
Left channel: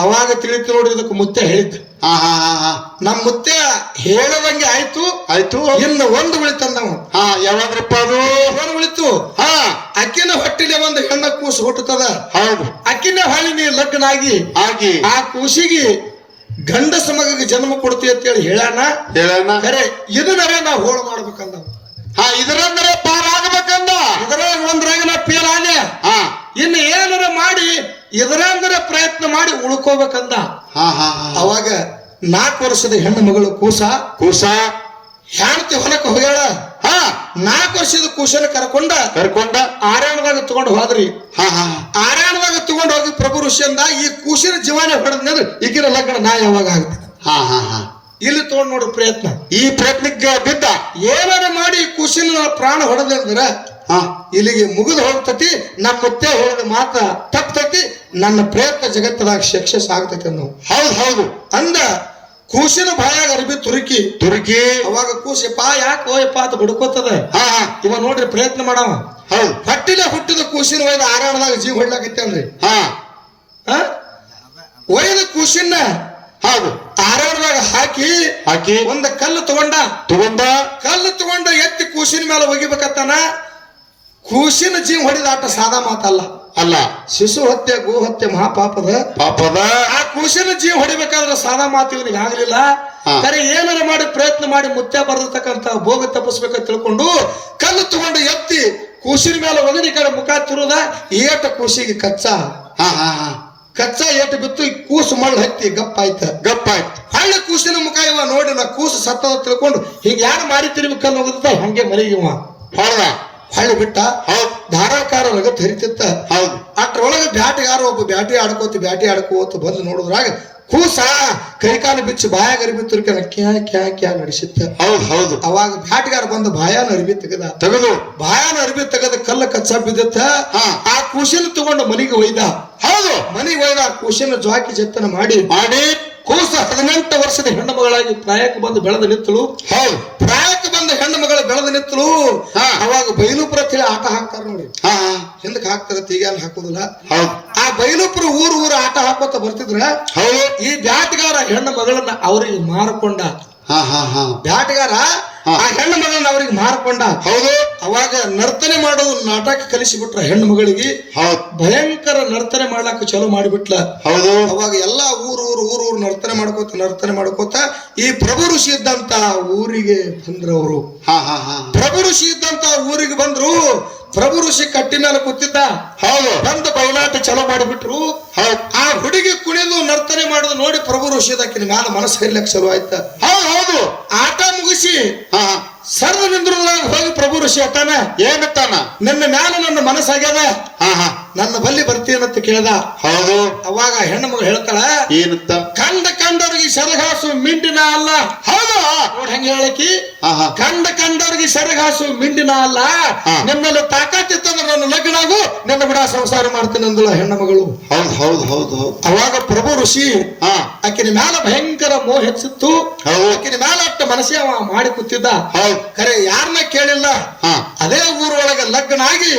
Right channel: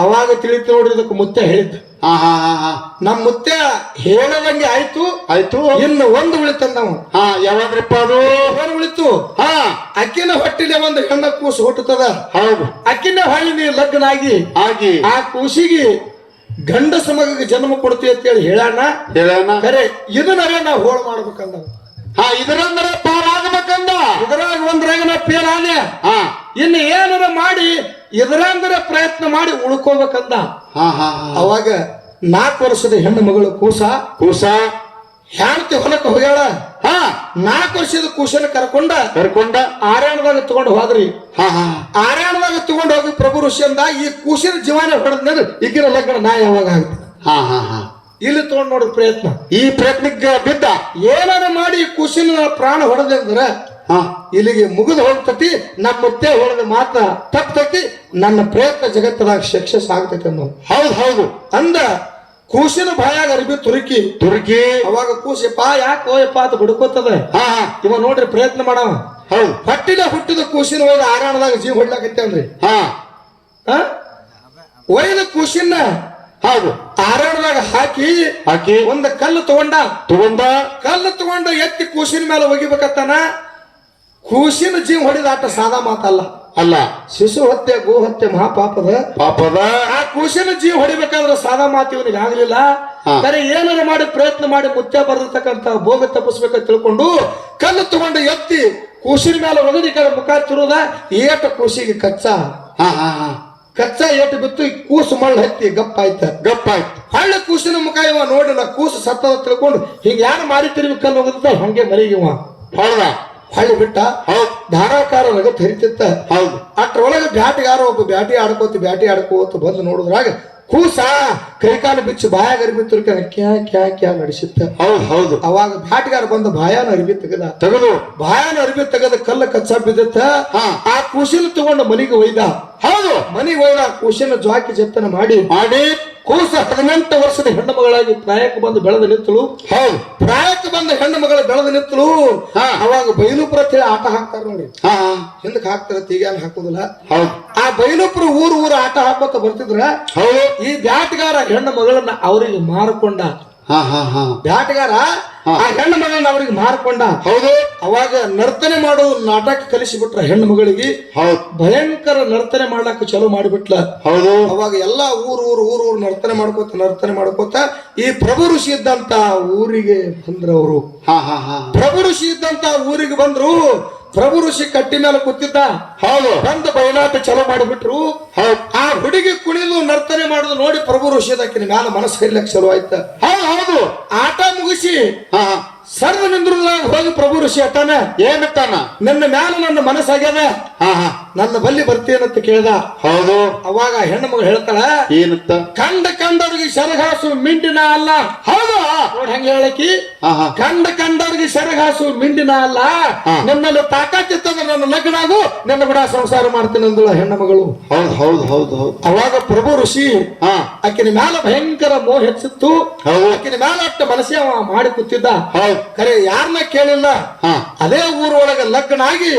ಅವಾಗ ತಿಳಿತು ನೋಡಿ ಇದಕ್ಕೆ ಮುತ್ತೆ ಹೇಳಿದ್ದ. ಹಾ ಹಾ ಹಾ ನಮ್ಮ ಮುತ್ತೆ ಹೇಳದಂಗೆ ಆಯ್ತು. ಆಯ್ತು. ಇನ್ನು ಒಂದು ಉಳಿತಂದ ಹಾ ಯಾವಾಗ್ರಪ್ಪ ಅದು? ಏನು ಉಳಿತು. ಹಾ. ಅಕ್ಕಿನ ಹೊಟ್ಟಿಲೆ ಒಂದು ಹೆಣ್ಣ ಕೂಸು ಹುಟ್ಟುತ್ತದ. ಹೌದು. ಅಕ್ಕಿನ ಹೊಳ್ಳಿ ನೀ ಲಗ್ನ ಆಗಿ. ಆಗಿ ಆ ಕೂಸಿಗೆ ಗಂಡಸ ಮಗಗೆ ಜನ್ಮ ಕೊಡ್ತಿ ಅಂತೇಳಿ ಹೇಳಾನ? ಹೇಳೋಣ ಕರೆ ಇದನ್ನರೇ ನಾವು ಹೋಳ ಮಾಡ್ಬೇಕಂದ ಹಾ ಇದರಂದ್ರೆ ಪಾರಾಗಬೇಕಂದ ಇದ್ರಾಗ ಒಂದ್ರಾಗ ನಾ ಫೇಲ್ ಆನೆ. ಹಾ. ಇನ್ನು ಏನಾರ ಮಾಡಿ ಇದರಂದ್ರ ಪ್ರಯತ್ನ ಮಾಡಿ ಉಳ್ಕೋಬೇಕಂದ. ಹಾ ಹಾ ಹಾ. ಅವಾಗ ನಾಲ್ಕು ವರ್ಷದ ಹೆಣ್ಣು ಮಗಳು ಕೂಸ. ಕೂಸ. ಹೇಳ್ತಿ ಹೊಲಕ್ಕೆ ಹೋಗ್ಯಾಳ. ಹಾ. ನಾಲ್ಕು ವರ್ಷದ ಕೂಸನ ಕರ್ಕೊಂಡ. ಕರ್ಕೊಂಡ. ಆರಾಣದಾಗ ತಗೊಂಡು ಹೋದ್ರಿ. ಹಾ ಹಾ. ಆರಾಣದಾಗ ತಗೊಂಡು ಹೋಗಿ ಪ್ರಭು ಋಷಿಯಂದ ಈ ಕೂಸಿನ ಜೀವನ ಹೊಡೆದ್ರೆ ಈಗಿನ ಲಗ್ನ ನಾ ಯಾವಾಗ ಆಗುತ್ತೆ ಹಾ ಹಾ ಹಾ. ಇಲ್ಲಿ ತಗೊಂಡ್ ನೋಡ್ರಿ ಪ್ರಯತ್ನ. ಈ ಪ್ರಯತ್ನಕ್ಕೆ ಬಿದ್ದ. ಏನಾರ ಮಾಡಿ ಕುಸಿನ ಪ್ರಾಣ ಹೊಡೆದ್ರೆ ಹಾ. ಇಲ್ಲಿಗೆ ಮುಗಿದು ಹೋಗ್ತತಿ ನಮ್ಮ ಮುತ್ತೆ ಹೇಳಿದ ಮಾತ್ರ ತಪ್ಪತತಿ ನನ್ನ ಪ್ರಯತ್ನ ಜಗತ್ತದಾಗ ಸಕ್ಸಸ್ ಆಗ್ತೈತೆ ಅನ್ನೋ. ಹೌದು ಹೌದು. ಅಂದ ಕೂಸಿನ ಬಾಯಾಗ ಅರ್ಬಿ ತುರುಕಿ. ತುರುಕಿ. ಅವಾಗ ಕೂಸಪ್ಪ ಯಾಕೆ ಓಯಪ್ಪ ಅದು ಬುಡ್ಕೋತದ. ಹಾ ಹಾ. ಇವ ನೋಡ್ರಿ ಪ್ರಯತ್ನ ಮಾಡವ. ಹೌದು. ಹೊಟ್ಟಿಲೆ ಹುಟ್ಟಿದ ಕೂಸಿನ ಒಯ್ದ ಆರಾಣದಾಗ ಜೀವ ಹೊಡ್ಲಾಕತ್ತೇನ್ರಿ? ಹಾ. ಆ? ಒಯ್ದ ಕೂಸಿನ ಹೌದು. ಧಾರವಾಡದಾಗ ಹಾಕಿ ಹಾಕಿ ಒಂದ್ ಕಲ್ಲು ತಗೊಂಡ. ತಗೊಂಡ. ಕಲ್ಲು ತಗೊಂಡ ಎತ್ತಿ ಕೂಸಿನ ಮೇಲೆ ಒಗಿಬೇಕತ್ತಾನ. ಕೂಸಿನ ಜೀವ ಹೊಡೆದ ಆಟ ಸಾದಾ ಮಾತಲ್ಲ. ಅಲ್ಲ. ಶಿಶು ಹತ್ಯೆ ಗೋ ಹತ್ಯೆ ಮಹಾಪಾಪದ. ಪಾಪದ. ಆ ಕೂಸಿನ ಜೀವ ಹೊಡಿಬೇಕಾದ್ರೆ ಸಾದಾ ಮಾತು ಇವನಿಗೆ ಆಗ್ಲಿಲ್ಲ. ಕರೆ ಏನಾರ ಮಾಡಿ ಪ್ರಯತ್ನ ಮಾಡಿ ಮುತ್ಯ ಬರ್ದಿರ್ತಕ್ಕಂತ ಭೋಗ ತಪ್ಪಿಸ್ಬೇಕಂತ ತಿಳ್ಕೊಂಡು ಕಲ್ಲು ತಗೊಂಡು ಎತ್ತಿ ಕೂಸಿನ ಮೇಲೆ ಒಗದಿ ಕಡೆ ಮುಖ ತಿರುದ ಏಟ ಕೂಸಿಗೆ ಕಚ್ಚಾ. ಹಾ ಹಾ ಹಾ. ಕಚ್ಚಾ ಏಟು ಬಿತ್ತು ಕೂಸು ಮಳ್ಳು ಹತ್ತಿ ಗಪ್ಪಾಯ್ತ ಗಪ್ಪಾಯ್ತು ಹಳ್ಳ ಕೂಸಿನ ಮುಖ ಇವ ನೋಡಿಲ್ಲ ಕೂಸು ಸತ್ತದ ತಿಳ್ಕೊಂಡು ಹಿಂಗ ಯಾರು ಮಾರಿ ತಿರ್ಬೇಕಲ್ಲ ಕಲ್ಲು ಹೋಗಿರ್ತಾವ ಹಂಗೆ ಮರಿಗಿವ. ಹೌದಾ ಹಳ್ಳಿ ಬಿಟ್ಟ ಹೌದು. ಧಾರಾಕಾರ ನಗತ್ ಹರಿತಿತ್ತ ಹೌದು. ಅಷ್ಟ್ರೊಳಗೆ ಬ್ಯಾಟಿಗಾರ ಒಬ್ಬ ಬ್ಯಾಟಿ ಆಡ್ಕೋತ ಬ್ಯಾಟಿ ಆಡ್ಕೋತ ಬಂದು ನೋಡಿದ್ರಾಗ ಕೂಸ ಕೈಕಾಲು ಬಿಚ್ಚಿ ಬಾಯಾಗ ಅರಿಬಿ ತುರ್ಕನ ಕ್ಯಾ ಕ್ಯಾ ಕ್ಯಾ ನಡೆಸಿತ್ತ. ಹೌದು ಹೌದು. ಅವಾಗ ಬ್ಯಾಟ್ಗಾರ ಬಂದು ಬಾಯಾನ ಅರಿವಿ ತೆಗದ. ತೆಗೆದು. ಬಾಯಾನ ಅರಿವಿ ತೆಗದ ಕಲ್ಲ ಕಚ್ಚ ಬಿದ್ದತ್ತ. ಆ ಕೂಸಿನ ತಗೊಂಡು ಮನಿಗೆ ಒಯ್ದ. ಹೌದು. ಮನಿಗೆ ಒಯ್ದ ಕೂಸಿನ ಜ್ವಾಕಿ ಜತ್ತನ ಮಾಡಿ. ಮಾಡಿ. ಕೂಸ ಹದಿನೆಂಟು ವರ್ಷದ ಹೆಣ್ಣು ಮಗಳಾಗಿ ಪ್ರಾಯಕ್ಕೆ ಬಂದು ಬೆಳೆದು ನಿಂತಳು ಹೌದು. ಪ್ರಾಯಕ್ಕೆ ಬಂದ ಹೆಣ್ಣು ಮಗಳು ಬೆಳೆದು ನಿಂತಳು. ಅವಾಗ ಬೈಲುಪುರ ಅಂತ ಹೇಳಿ ಆಟ ಹಾಕ್ತಾರ ನೋಡಿ. ಹಾ ಹಿಂದಕ್ಕೆ ಹಾಕ್ತಾರ ತೀಗ ಹಾಕೋದಿಲ್ಲ. ಹೌದು. ಆ ಬೈಲುಪುರ ಊರು ಊರು ಆಟ ಹಾಕೋತ ಬರ್ತಿದ್ರ ಹೌದು. ಈ ಬ್ಯಾಟ್ಗಾರ ಹೆಣ್ಣು ಮಗಳನ್ನ ಅವರಿಗೆ ಮಾರಿಕೊಂಡ ಹಾ ಹಾ ಹಾ. ಬ್ಯಾಟಗಾರ. ಆ ಹೆಣ್ಣು ಮಗಳನ್ನ ಅವರಿಗೆ ಮಾರ್ಕೊಂಡ ಹೌದು. ಅವಾಗ ನರ್ತನೆ ಮಾಡೋ ನಾಟಕ ಕಲಿಸಿಬಿಟ್ರ ಹೆಣ್ಣು ಮಗಳಿಗೆ ಹೌದು. ಭಯಂಕರ ನರ್ತನೆ ಮಾಡ್ಲಾಕ ಚಲೋ ಮಾಡಿಬಿಟ್ಲ. ಹೌದು. ಅವಾಗ ಎಲ್ಲಾ ಊರು ಊರು ಊರು ಊರು ನರ್ತನೆ ಮಾಡ್ಕೋತ ನರ್ತನೆ ಮಾಡ್ಕೋತ ಈ ಪ್ರಭು ಋಷಿ ಇದ್ದಂತ ಊರಿಗೆ ಬಂದ್ರು ಅವರು. ಹಾ ಹಾ ಹಾ. ಪ್ರಭು ಋಷಿ ಇದ್ದಂತ ಊರಿಗೆ ಬಂದ್ರು ಪ್ರಭು ಋಷಿ ಕಟ್ಟಿ ಮೇಲೆ ಕೂತಿದ್ದ. ಹೌದು. ಬಂದ ಬಯಲಾಟ ಚಲೋ ಮಾಡಿಬಿಟ್ರು. ಹೌದು. ಆ ಹುಡುಗಿ ಕುಣಿದು ನರ್ತನೆ ಮಾಡುದು ನೋಡಿ ಪ್ರಭು ಋಷಿದಕ್ಕಿನ ಮ್ಯಾಲ ಮನಸ್ಸು ಹರಿಲಕ್ಕೆ ಶುರು ಆಯ್ತ. ಹೌದು ಹೌದು. ಆಟ ಮುಗಿಸಿ ಹಾ. ಸರ್ದ ಹೋಗಿ ಪ್ರಭು ಋಷಿ ಅತ್ತಾನ ಏನತ್ತಾನ ನಿನ್ನ ಮ್ಯಾಲ ನನ್ನ ಮನಸ್ಸಾಗ್ಯದ. ಹಾ ಹಾ. ನನ್ನ ಬಲ್ಲಿ ಬರ್ತೀನಂತ ಕೇಳ್ದ. ಹೌದು. ಅವಾಗ ಹೆಣ್ಣು ಮಗಳು ಹೇಳ್ತಾಳ ಏನತ್ತ? ಕಂಡ ಕಂಡವ್ರಿಗೆ ಸರಗಾಸು ಮಿಂಡಿನ ಅಲ್ಲ. ಹೌದು. ನೋಡ್ ಹಂಗ ಹೇಳಕಿ ಹಾ ಹಾ. ಕಂಡ ಕಂಡವ್ರಿಗೆ ಸರಗಾಸು ಮಿಂಡಿನ ಅಲ್ಲ. ಹಾ. ನಿಮ್ಮಲ್ಲಿ ತಾಕತ್ತಿತ್ತದ ನನ್ನ ಲಗ್ನಾಗು ನಿಮ್ಮ ನನ್ನ ಕೂಡ ಸಂಸಾರ ಮಾಡ್ತೀನಿ ಅಂದಳ ಹೆಣ್ಣು ಮಗಳು. ಹೌದು ಹೌದು ಹೌದು ಅವಾಗ ಪ್ರಭು ಋಷಿ ಆಕಿನ ಮ್ಯಾಲ ಭಯಂಕರ ಮೋಹ ಹೆಚ್ಚಿತ್ತು. ಆಕಿನ ಮ್ಯಾಲ ಅಟ್ಟ ಮನಸ್ಸೇ ಅವ ಮಾಡಿ ಕೂತಿದ್ದ. ಹೌದು. ಖರೆ ಯಾರನ್ನ ಕೇಳಿಲ್ಲ? ಅದೇ ಊರೊಳಗೆ ಲಗ್ನ ಆಗಿ?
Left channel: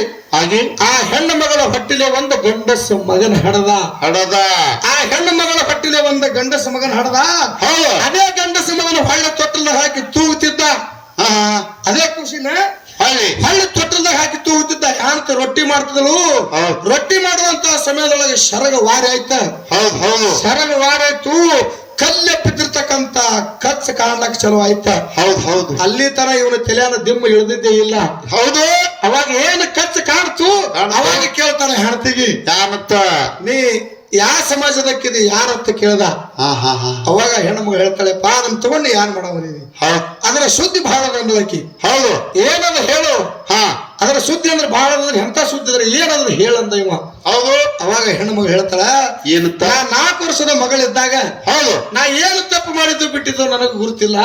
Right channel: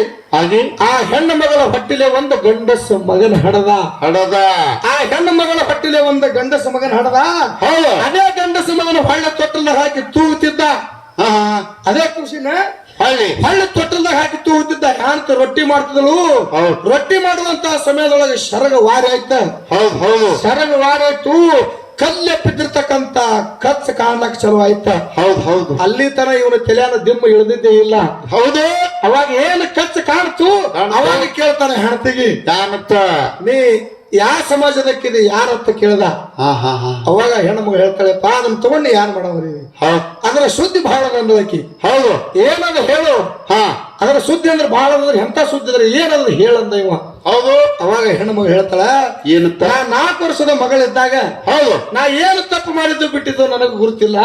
ಆ ಹೆಣ್ಣು ಮಗಳ ಹೊಟ್ಟಿಲೆ ಒಂದು ಗಂಡಸ ಮಗನ ಹಡದ. ಹಡದ. ಆ ಹೆಣ್ಣು ಮಗಳ ಹೊಟ್ಟಿಲೆ ಒಂದು ಗಂಡಸ ಮಗನ ಹಡದ. ಅದೇ ಗಂಡಸ ಮಗನ ಹೊಳ್ಳ ತೊಟ್ಟಲ್ಲ ಹಾಕಿ ತೂಗುತ್ತಿದ್ದ. ಅದೇ ಖುಷಿನ? ಹಳ್ಳಿ ಹಳ್ಳ ತೊಟ್ಟಲ್ದಾಗ ಹಾಕಿ ತೂಗುತ್ತಿದ್ದ. ಯಾರಂತ ರೊಟ್ಟಿ ಮಾಡ್ತಿದಳು? ರೊಟ್ಟಿ ಮಾಡುವಂತ ಸಮಯದೊಳಗೆ ಶರಗ ವಾರಿ ಆಯ್ತ. ಹೌದು ಹೌದು. ಶರಗ ವಾರಿ ಆಯ್ತು. ಕಲ್ಲೆ ಬಿದ್ದಿರ್ತಕ್ಕಂತ ಕಚ್ಚ ಕಾಣ್ಲಕ್ ಚಲೋ ಆಯ್ತ. ಹೌದು ಹೌದು. ಅಲ್ಲಿ ತನ ಇವನ ತಲೆಯಾನ ದಿಮ್ಮ ಇಳಿದಿದ್ದೇ ಇಲ್ಲ. ಹೌದು. ಅವಾಗ ಏನು ಕಚ್ಚ ಕಾಣ್ತು. ಅವಾಗ ಕೇಳ್ತಾನೆ ಹೆಣ್ತಿಗಿ ಯಾನತ್ತ ನೀ ಯಾವ ಸಮಾಜದಕ್ಕಿದೆ ಯಾರತ್ತ ಕೇಳ್ದ? ಹಾ ಹಾ ಹಾ. ಅವಾಗ ಹೆಣ್ಮಗ ಹೇಳ್ತಾಳೆ ಪಾ ಅದನ್ನ ತಗೊಂಡು ಯಾರು ಮಾಡವರಿ ಹೌದು ಅದರ ಸುದ್ದಿ ಬಹಳ ಬಂದದಕ್ಕಿ ಹೌದು. ಏನದ ಹೇಳು. ಹಾ. ಅದರ ಸುದ್ದಿ ಅಂದ್ರೆ ಬಹಳ ಅಂದ್ರೆ ಎಂತ ಸುದ್ದಿ ಅಂದ್ರೆ ಏನಂದ್ರೆ ಹೇಳಂದ ಇವ. ಹೌದು. ಅವಾಗ ಹೆಣ್ಮಗ ಹೇಳ್ತಾಳ ಏನು ನಾ ನಾಲ್ಕು ವರ್ಷದ ಮಗಳಿದ್ದಾಗ ಹೌದು. ನಾ ಏನು ತಪ್ಪು ಮಾಡಿದ್ದು ಬಿಟ್ಟಿದ್ದು ನನಗೆ ಗುರುತಿಲ್ಲ.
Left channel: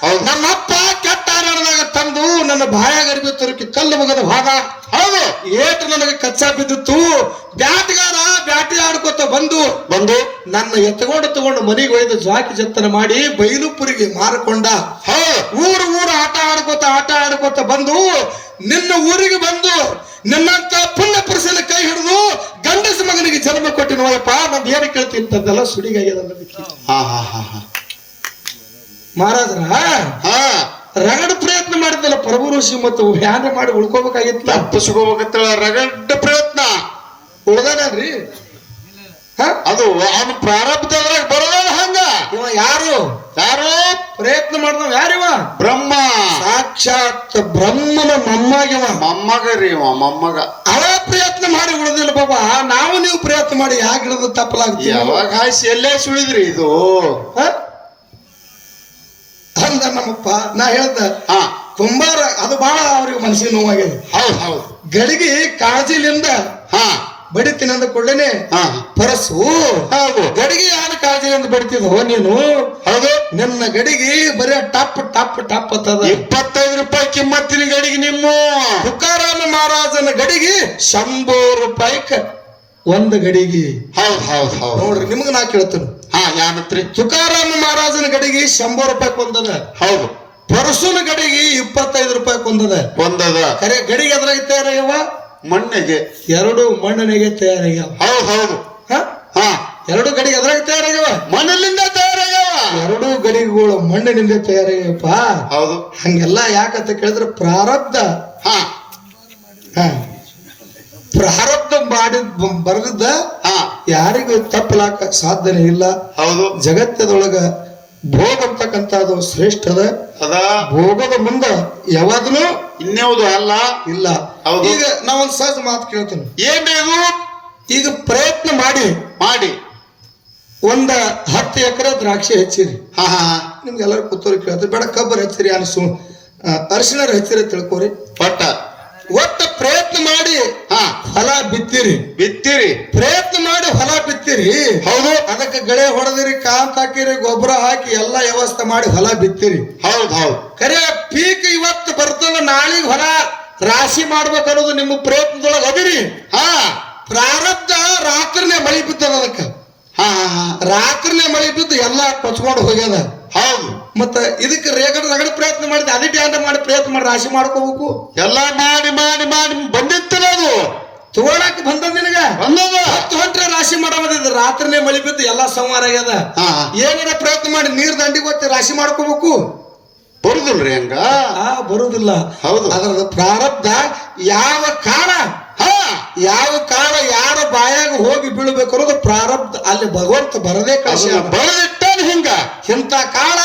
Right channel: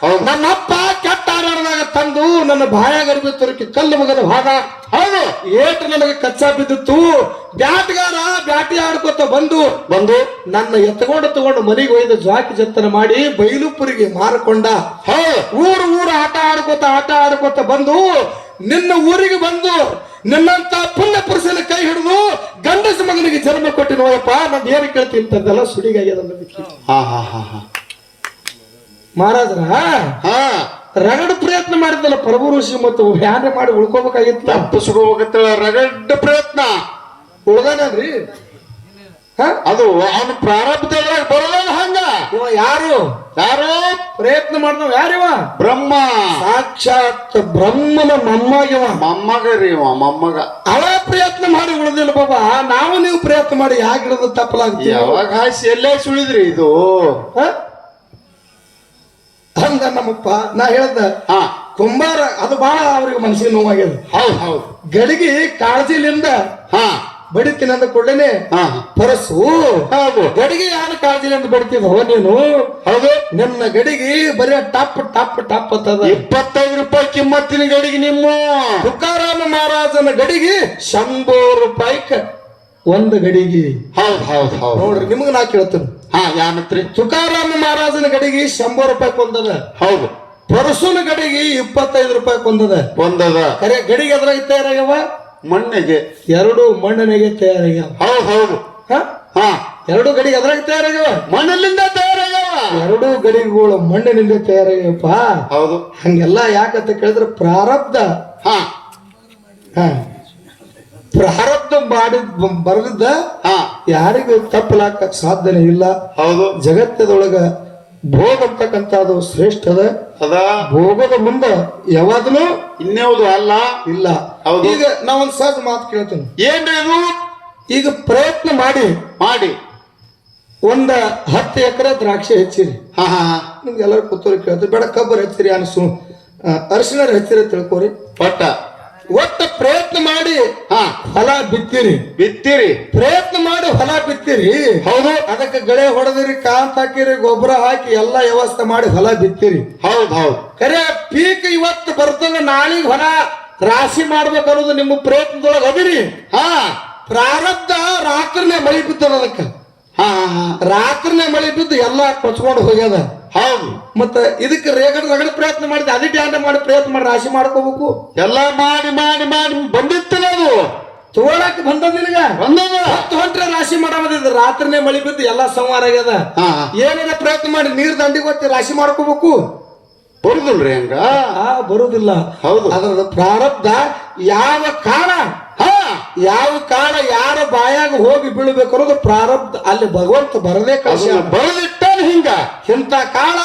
ಹೌದು. ನನ್ನ ಅಪ್ಪ ಕೆಟ್ಟ ಆರಾಡದಾಗ ತಂದು ನನ್ನ ಬಾಯಾಗರಿಬಿ ತುರುಕಿ ಕಲ್ಲು ಮುಗದ ಭಾಗ. ಹೌದು ಏಟು ನನಗೆ ಕಚ್ಚಾ ಬಿದ್ದಿತ್ತು. ಬ್ಯಾಟ್ಗಾರ ಬ್ಯಾಟಿ ಆಡ್ಕೋತ ಬಂದು ಬಂದು ನನ್ನ ಎತ್ಕೊಂಡು ತಗೊಂಡು ಮನೆಗೆ ಒಯ್ದು ಜಾಕಿ ಜತ್ತನ ಮಾಡಿ ಬೈಲುಪುರಿಗೆ ಮಾರಕೊಂಡ. ಹೌದು. ಊರು ಊರು ಆಟ ಆಡ್ಕೋತ ಆಟ ಆಡ್ಕೋತ ಬಂದು ನಿನ್ನ ಊರಿಗೆ ಬಂದು ನಿನ್ನಂತ ಪುಣ್ಯ ಪುರುಷನ ಕೈ ಹಿಡಿದು ಗಂಡಸ ಮಗನಿಗೆ ಜನ್ಮ ಕೊಟ್ಟಿ ನೋಡಪ್ಪ ನಾನು ಏನು ಕೇಳ್ತೀನಿ ಅಂತಂದೆಲ್ಲ ಸುಡಿಗಾಗ್ಯದ. ಹಾ ಹಾ ಹಾ ಹಾ. ಮಹಾರಾಜರ? ಹಾ. ರಗಡ ಪ್ರಯತ್ನ ಮಾಡಿದ್ದಲ್ಲ ಪ್ರಭು ಋಷಿ ಮತ್ತು ವ್ಯಾನ ಮಾಡಿ ಉಳ್ಕೋಬೇಕಾಗಿತ್ತಲ್ಲ ತಪ್ಪಿಸ್ಕೋಬೇಕಂತ ರಗಡ್ ಪ್ರಯತ್ನ. ಉಳ್ದಾನೇನ್ರಿ ಹ? ಅದು ಅವನ ಪ್ರಾರಬ್ಧದ್ರಾಗ ಬರೋದಲ್ಲ ಹಂಗ. ಇವ ಯಾರು? ಯಾರು? ಪ್ರಯತ್ನ ಮಾಡ್ದವ ಯಾರಿವ? ಬ್ರಹ್ಮ. ಸಾಕ್ಷಾತ್ ಬ್ರಹ್ಮನ ಮೊಮ್ಮಗಿವ ಮೊಮ್ಮಗ ರೀ ಇವ ಮೊಮ್ಮಗ. ಅವ ಪ್ರಯತ್ನ ಮಾಡಿ ಉಳಿದಿಲ್ಲ ಬಾಬಾ. ನಾವು ನೀವು ಪ್ರಯತ್ನ ಮಾಡಿ ಯಾಕೆ ಹಿಡಿದು ತಪ್ಪಲಾಗ್ತೀವಿ ಯಾವಾಗ ಹಾಸಿ ಎಲ್ಲೇ ಸುಳಿದ್ರಿ ಇದು? ಹಂಗ ನಮ್ಮಪ್ಪ ನಾ ಹೇಳ್ದ ಹಾ ಕುಂಬಾರ ಅದು ಬಹಳ ಅವ್ರಿಗೆ ಮನಸ್ಸಿಗೆ ನೋವಾಗ್ಯದ. ಹೌದು ಹೌದು. ಗಡಿಗೆ ಕಾಳಜಿಲಿಂದ ಹಾ ಬಡಿತೀನಿ ಅಂದ ಕೂಡಲೇನೆ ಹಾ. ಪರಸು. ಹೌದು. ಗಡಿಗೆ ಯಾರು ಕಾಳಜಿಲಿಂದ ಬಡಿತಿದ್ವ ನೀನು? ಹೌದು. ನನ್ನ ಗಡಿಗೆ ಬರೀ ಟಪ್ ಟಪ್ ಟಪ್ ಅಂತದ ಇಪ್ಪತ್ತೈದು ರೂಪಾಯಿ ಕಿಮ್ಮತ್ತಿನ ಗಡಿಗೆ ನಿಮ್ಮ. ತುಕಾರಾಮ ಮಹಾರಾಜನ ಗಡಿಗೆ ಶಂಭೂ ರೂಪಾಯಿ ಒಂದು ಗಡಿಗೆ. ಹೌದು ಹೌದು ಹೌದು. ನೋಡ್ರಿ ನಿಮ್ಗೆ ನಾ ಕೇಳ್ತೇನೆ. ಹಾ ಯಾನತ್ರಿ ತುಕಾರಾಮ ಮಹಾರಾಜನ ಗಡಿಗೆ ಶಂಭರ್ ರೂಪಾಯಿ ಕೊಂದದ. ಹೌದು. ಪರಸುನ ಗಡಿಗೆ ಇಪ್ಪತ್ತೈದು ರೂಪಾಯಿ ಕೊಂದದ. ಕೊಂದದ. ಕರೆ ಗಡಿಗೆ ಅದ್ರಾಗ ತಯಾರಾಗ್ಯವ? ಮಣ್ಣಿಗೆ. ಎರಡು ಮಣ್ಣನೆಗೆ ತಯಾರಾಗ್ಯಾವ. ಹೌದು ಹೌದು. ಹ? ಹಾ. ಎರಡು ಗಡಿಗೆ ಎದ್ರಾಗ ತಯಾರಾಗ್ಯವ? ಮಣ್ಣಲ್ಲಿಂದ ತಯಾರಾಗ್ಯವ. ಎರಡು ಗಡಿಗೆಗಳು ಮಣ್ಣಿನಿಂದ ತಯಾರಾಗ್ಯಪ್ಪ ಹೌದು. ಹಂಗೆಲ್ಲ ಯಾಕಂತ ಕೇಳಿದ್ರೆ ಪ್ರಾರಬ್ಧ. ಹಾ. ಹ. ಪ್ರಾರಬ್ಧ ಮಾಡಿ ಬರೆದಿದ್ದ ಯಾರಿಗೂ ತಪ್ಪಲಾಕ ಸಾಧ್ಯನೇ ಇಲ್ಲ. ಹೌದು. ಜಗತ್ತದೊಳಗ ಭೋಗ ಅಂತಕ್ಕಂಥದ್ದು ಶ್ರೇಷ್ಠದ ಅದ. ಭೋಗದ ಮುಂದ ಯಾವಾಗಲೂ ಇನ್ಯಾವುದು ಅಲ್ಲ. ಇಲ್ಲ. ಹೌದು. ಈಗ ನಾವೊಂದ್ ಸಹಜ ಮಾತು ಕೇಳ್ತೇನೆ. ಏನೇನು ಈಗ ಪ್ರಯತ್ನ ಮಾಡಿ. ಮಾಡಿ. ಒಂದ ಹತ್ತು ಎಕರೆ ದ್ರಾಕ್ಷಿ ಹೆಚ್ಚಿರಿ. ಹಾ ಹಾ ಹಾ. ನಿಮ್ಗೆಲ್ಲರೂ ಕೂತೋರಿ ಕೇಳ್ತಾರೆ ಬೇಡ ಕಬ್ಬರ್ ಹಚ್ಚಿರಿ ಅನಿಸು ಅರಿಶಿನ ಹೆಚ್ಚಿರಿ ತಿಳ್ಕೊರಿ. ಪಟ್ಟ. ಒಟ್ಟ ಪ್ರಯತ್ನ ಮಾಡಿ ಹಾ ಫಲ ಬಿತ್ತಿರಿ. ಬಿತ್ತಿರಿ. ಪ್ರಯತ್ನ ಮಾಡಿ ಹೊಲ ಬಿತ್ತಿರಿ. ಹೌದು. ಅದಕ್ಕೆ ಗಳೆ ಹೊಡೆದಿರಿ ಕಾಂತ ಹಾಕಿರಿ ಗೊಬ್ಬರ ಹಾಕಿ ಎಲ್ಲಾ ವ್ಯವಸ್ಥೆ ಮಾಡಿ ಹೊಲ ಬಿತ್ತಿರಿ. ಹೌದು ಹೌದು. ಕರೆ ಪೀಕ್ ಇವತ್ತು ಬರ್ತದ ನಾಳಿಗೆ ಹೊಲ ರಾಶಿ ಮಾಡ್ಬೇಕು ಅನ್ನೋದು ನಿಮ್ಮ ಪ್ರಯತ್ನದೊಳಗೆ ಅದಿರಿ. ಹಾ. ಪ್ರಾರಬ್ಧ ರಾತ್ರಿನೇ ಮಳಿ ಬಿತ್ತದ ಅದಕ್ಕೆ. ಹಾ. ರಾತ್ರಿನೇ ಮಳಿ ಬಿದ್ದು ಎಲ್ಲ ಕೊಚ್ಕೊಂಡು ಹೋಗ್ಯದ. ಹೌದು. ಮತ್ತೆ ಇದಕ್ಕೆ ರೇಗಡ ರಗಡ ಪ್ರಯತ್ನ ಮಾಡಿದೆ ಅದೇ ಡ್ಯಾಂಡ ಮಾಡಿ ಪ್ರಯತ್ನ ಮಾಡಿ ರಾಶಿ ಮಾಡ್ಕೋಬೇಕು. ಎಲ್ಲ ಮಾಡಿ ಮಾಡಿ ಮಾಡಿ ಬಂದಿತ್ತಲ್ಲ ಅದು. ತೋಳಕ್ ಬಂದ ನಿನಗ? ಹತ್ತು ಹೊಂಟ್ರೆ ರಾಶಿ ಮಾಡೋದಿದೆ ರಾತ್ರಿನೇ ಮಳಿ ಬಿದ್ದು ಎಲ್ಲ ಸಂವಾರ ಆಗ್ಯದ. ಏನಾರ ಪ್ರಯತ್ನ ಮಾಡಿ ನೀರ್ ದಂಡಿಗೆ ಹೋಗಿ ರಾಶಿ ಮಾಡ್ಕೋಬೇಕು. ಬರುದಿಲ್ರಿ ಹಂಗ? ಬರುದಿಲ್ಲ. ಹೌದು. ಅದರ ಪ್ರಾರಬ್ಧ ಯಾವ ಕಾಲ? ಹಾ ಯಾವ ಕಾಲ ಯಾರ ಬಾಯಾಗ ಹೋಗಿ ಬೀಳ್ಬೇಕು ಅನ್ನೋದು ಪ್ರಾರಬ್ಧ ಅಲ್ಲಿ ಭಗವಂತ ಬರದೇ ಕಳಿಸಿ ಬರೆದಿಟ್ಟಾನ ಹಿಂಗ? ಇಂಥ ಕಾಲ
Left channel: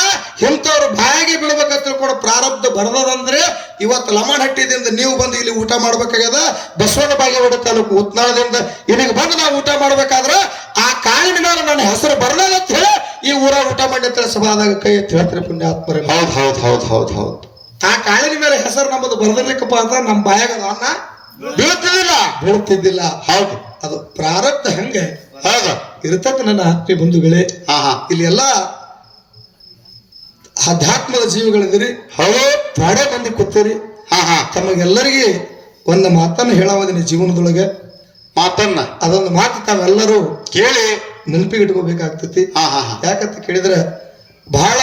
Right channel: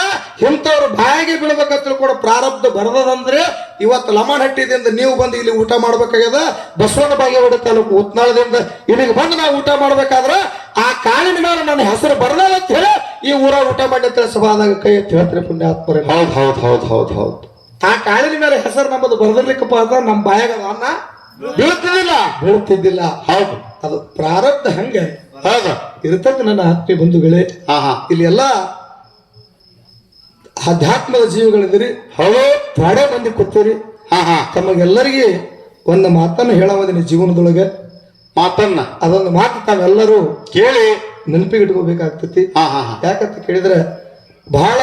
ಇಂಥವ್ರ ಬಾಯಿಗೆ ಬೀಳ್ಬೇಕಂತ ಕೂಡ ಪ್ರಾರಬ್ಧ ಬರದಂದ್ರೆ ಇವತ್ತು ಲಮಣ ಹಟ್ಟಿದಿಂದ ನೀವು ಬಂದು ಇಲ್ಲಿ ಊಟ ಮಾಡ್ಬೇಕಾಗ್ಯದ? ಬಸವನ ಬಾಗೇವಾಡಿ ತಾಲೂಕು ಉತ್ನಾಳದಿಂದ ಇಲ್ಲಿಗೆ ಬಂದು ನಾವು ಊಟ ಮಾಡ್ಬೇಕಾದ್ರ ಆ ಕಾಲಿನ ಮೇಲೆ ನನ್ನ ಹೆಸರು ಬರದಲ್ಲ ಅಂತ ಹೇಳಿ ಈ ಊರ ಊಟ ಮಾಡಿ ಸಭಾದಾಗ ಕೈ ಎತ್ತಿ ಹೇಳ್ತಾರೆ ಪುಣ್ಯಾತ್ಮರ ಹೌದು ಹೌದು ಹೌದು ಹೌದು ಹೌದು. ಆ ಕಾಲಿನ ಮೇಲೆ ಹೆಸರು ನಮ್ಮದು ಬರದಿರ್ಲಿಕ್ಕಪ್ಪ ಅಂದ್ರೆ ನಮ್ಮ ಬಾಯಾಗ ಅದು ಅನ್ನ ಬೀಳ್ತಿದಿಲ್ಲ ಬೀಳ್ತಿದ್ದಿಲ್ಲ. ಹೌದು. ಅದು ಪ್ರಾರಬ್ಧ ಹಂಗೆ. ಹೌದು ಇರ್ತದೆ ನನ್ನ ಆತ್ಮೀಯ ಬಂಧುಗಳೇ ಹಾ ಹಾ. ಇಲ್ಲಿ ಎಲ್ಲ ಆಧ್ಯಾತ್ಮದ ಜೀವಿಗಳಿದ್ರಿ ಹೌದು ಪ್ರಾಣೆ ಮಂದಿ ಕೂತೀರಿ. ಹಾ ಹಾ. ತಮಗೆಲ್ಲರಿಗೆ ಒಂದು ಮಾತನ್ನು ಹೇಳವದಿನಿ ಜೀವನದೊಳಗೆ. ಮಾತನ್ನ? ಅದೊಂದು ಮಾತು ತಾವೆಲ್ಲರೂ ಕೇಳಿ ನೆನಪಿಗೆ ಇಟ್ಕೋಬೇಕಾಗ್ತೈತಿ ಹಾ ಹಾ ಹಾ. ಯಾಕಂತ ಕೇಳಿದ್ರೆ ಬಹಳ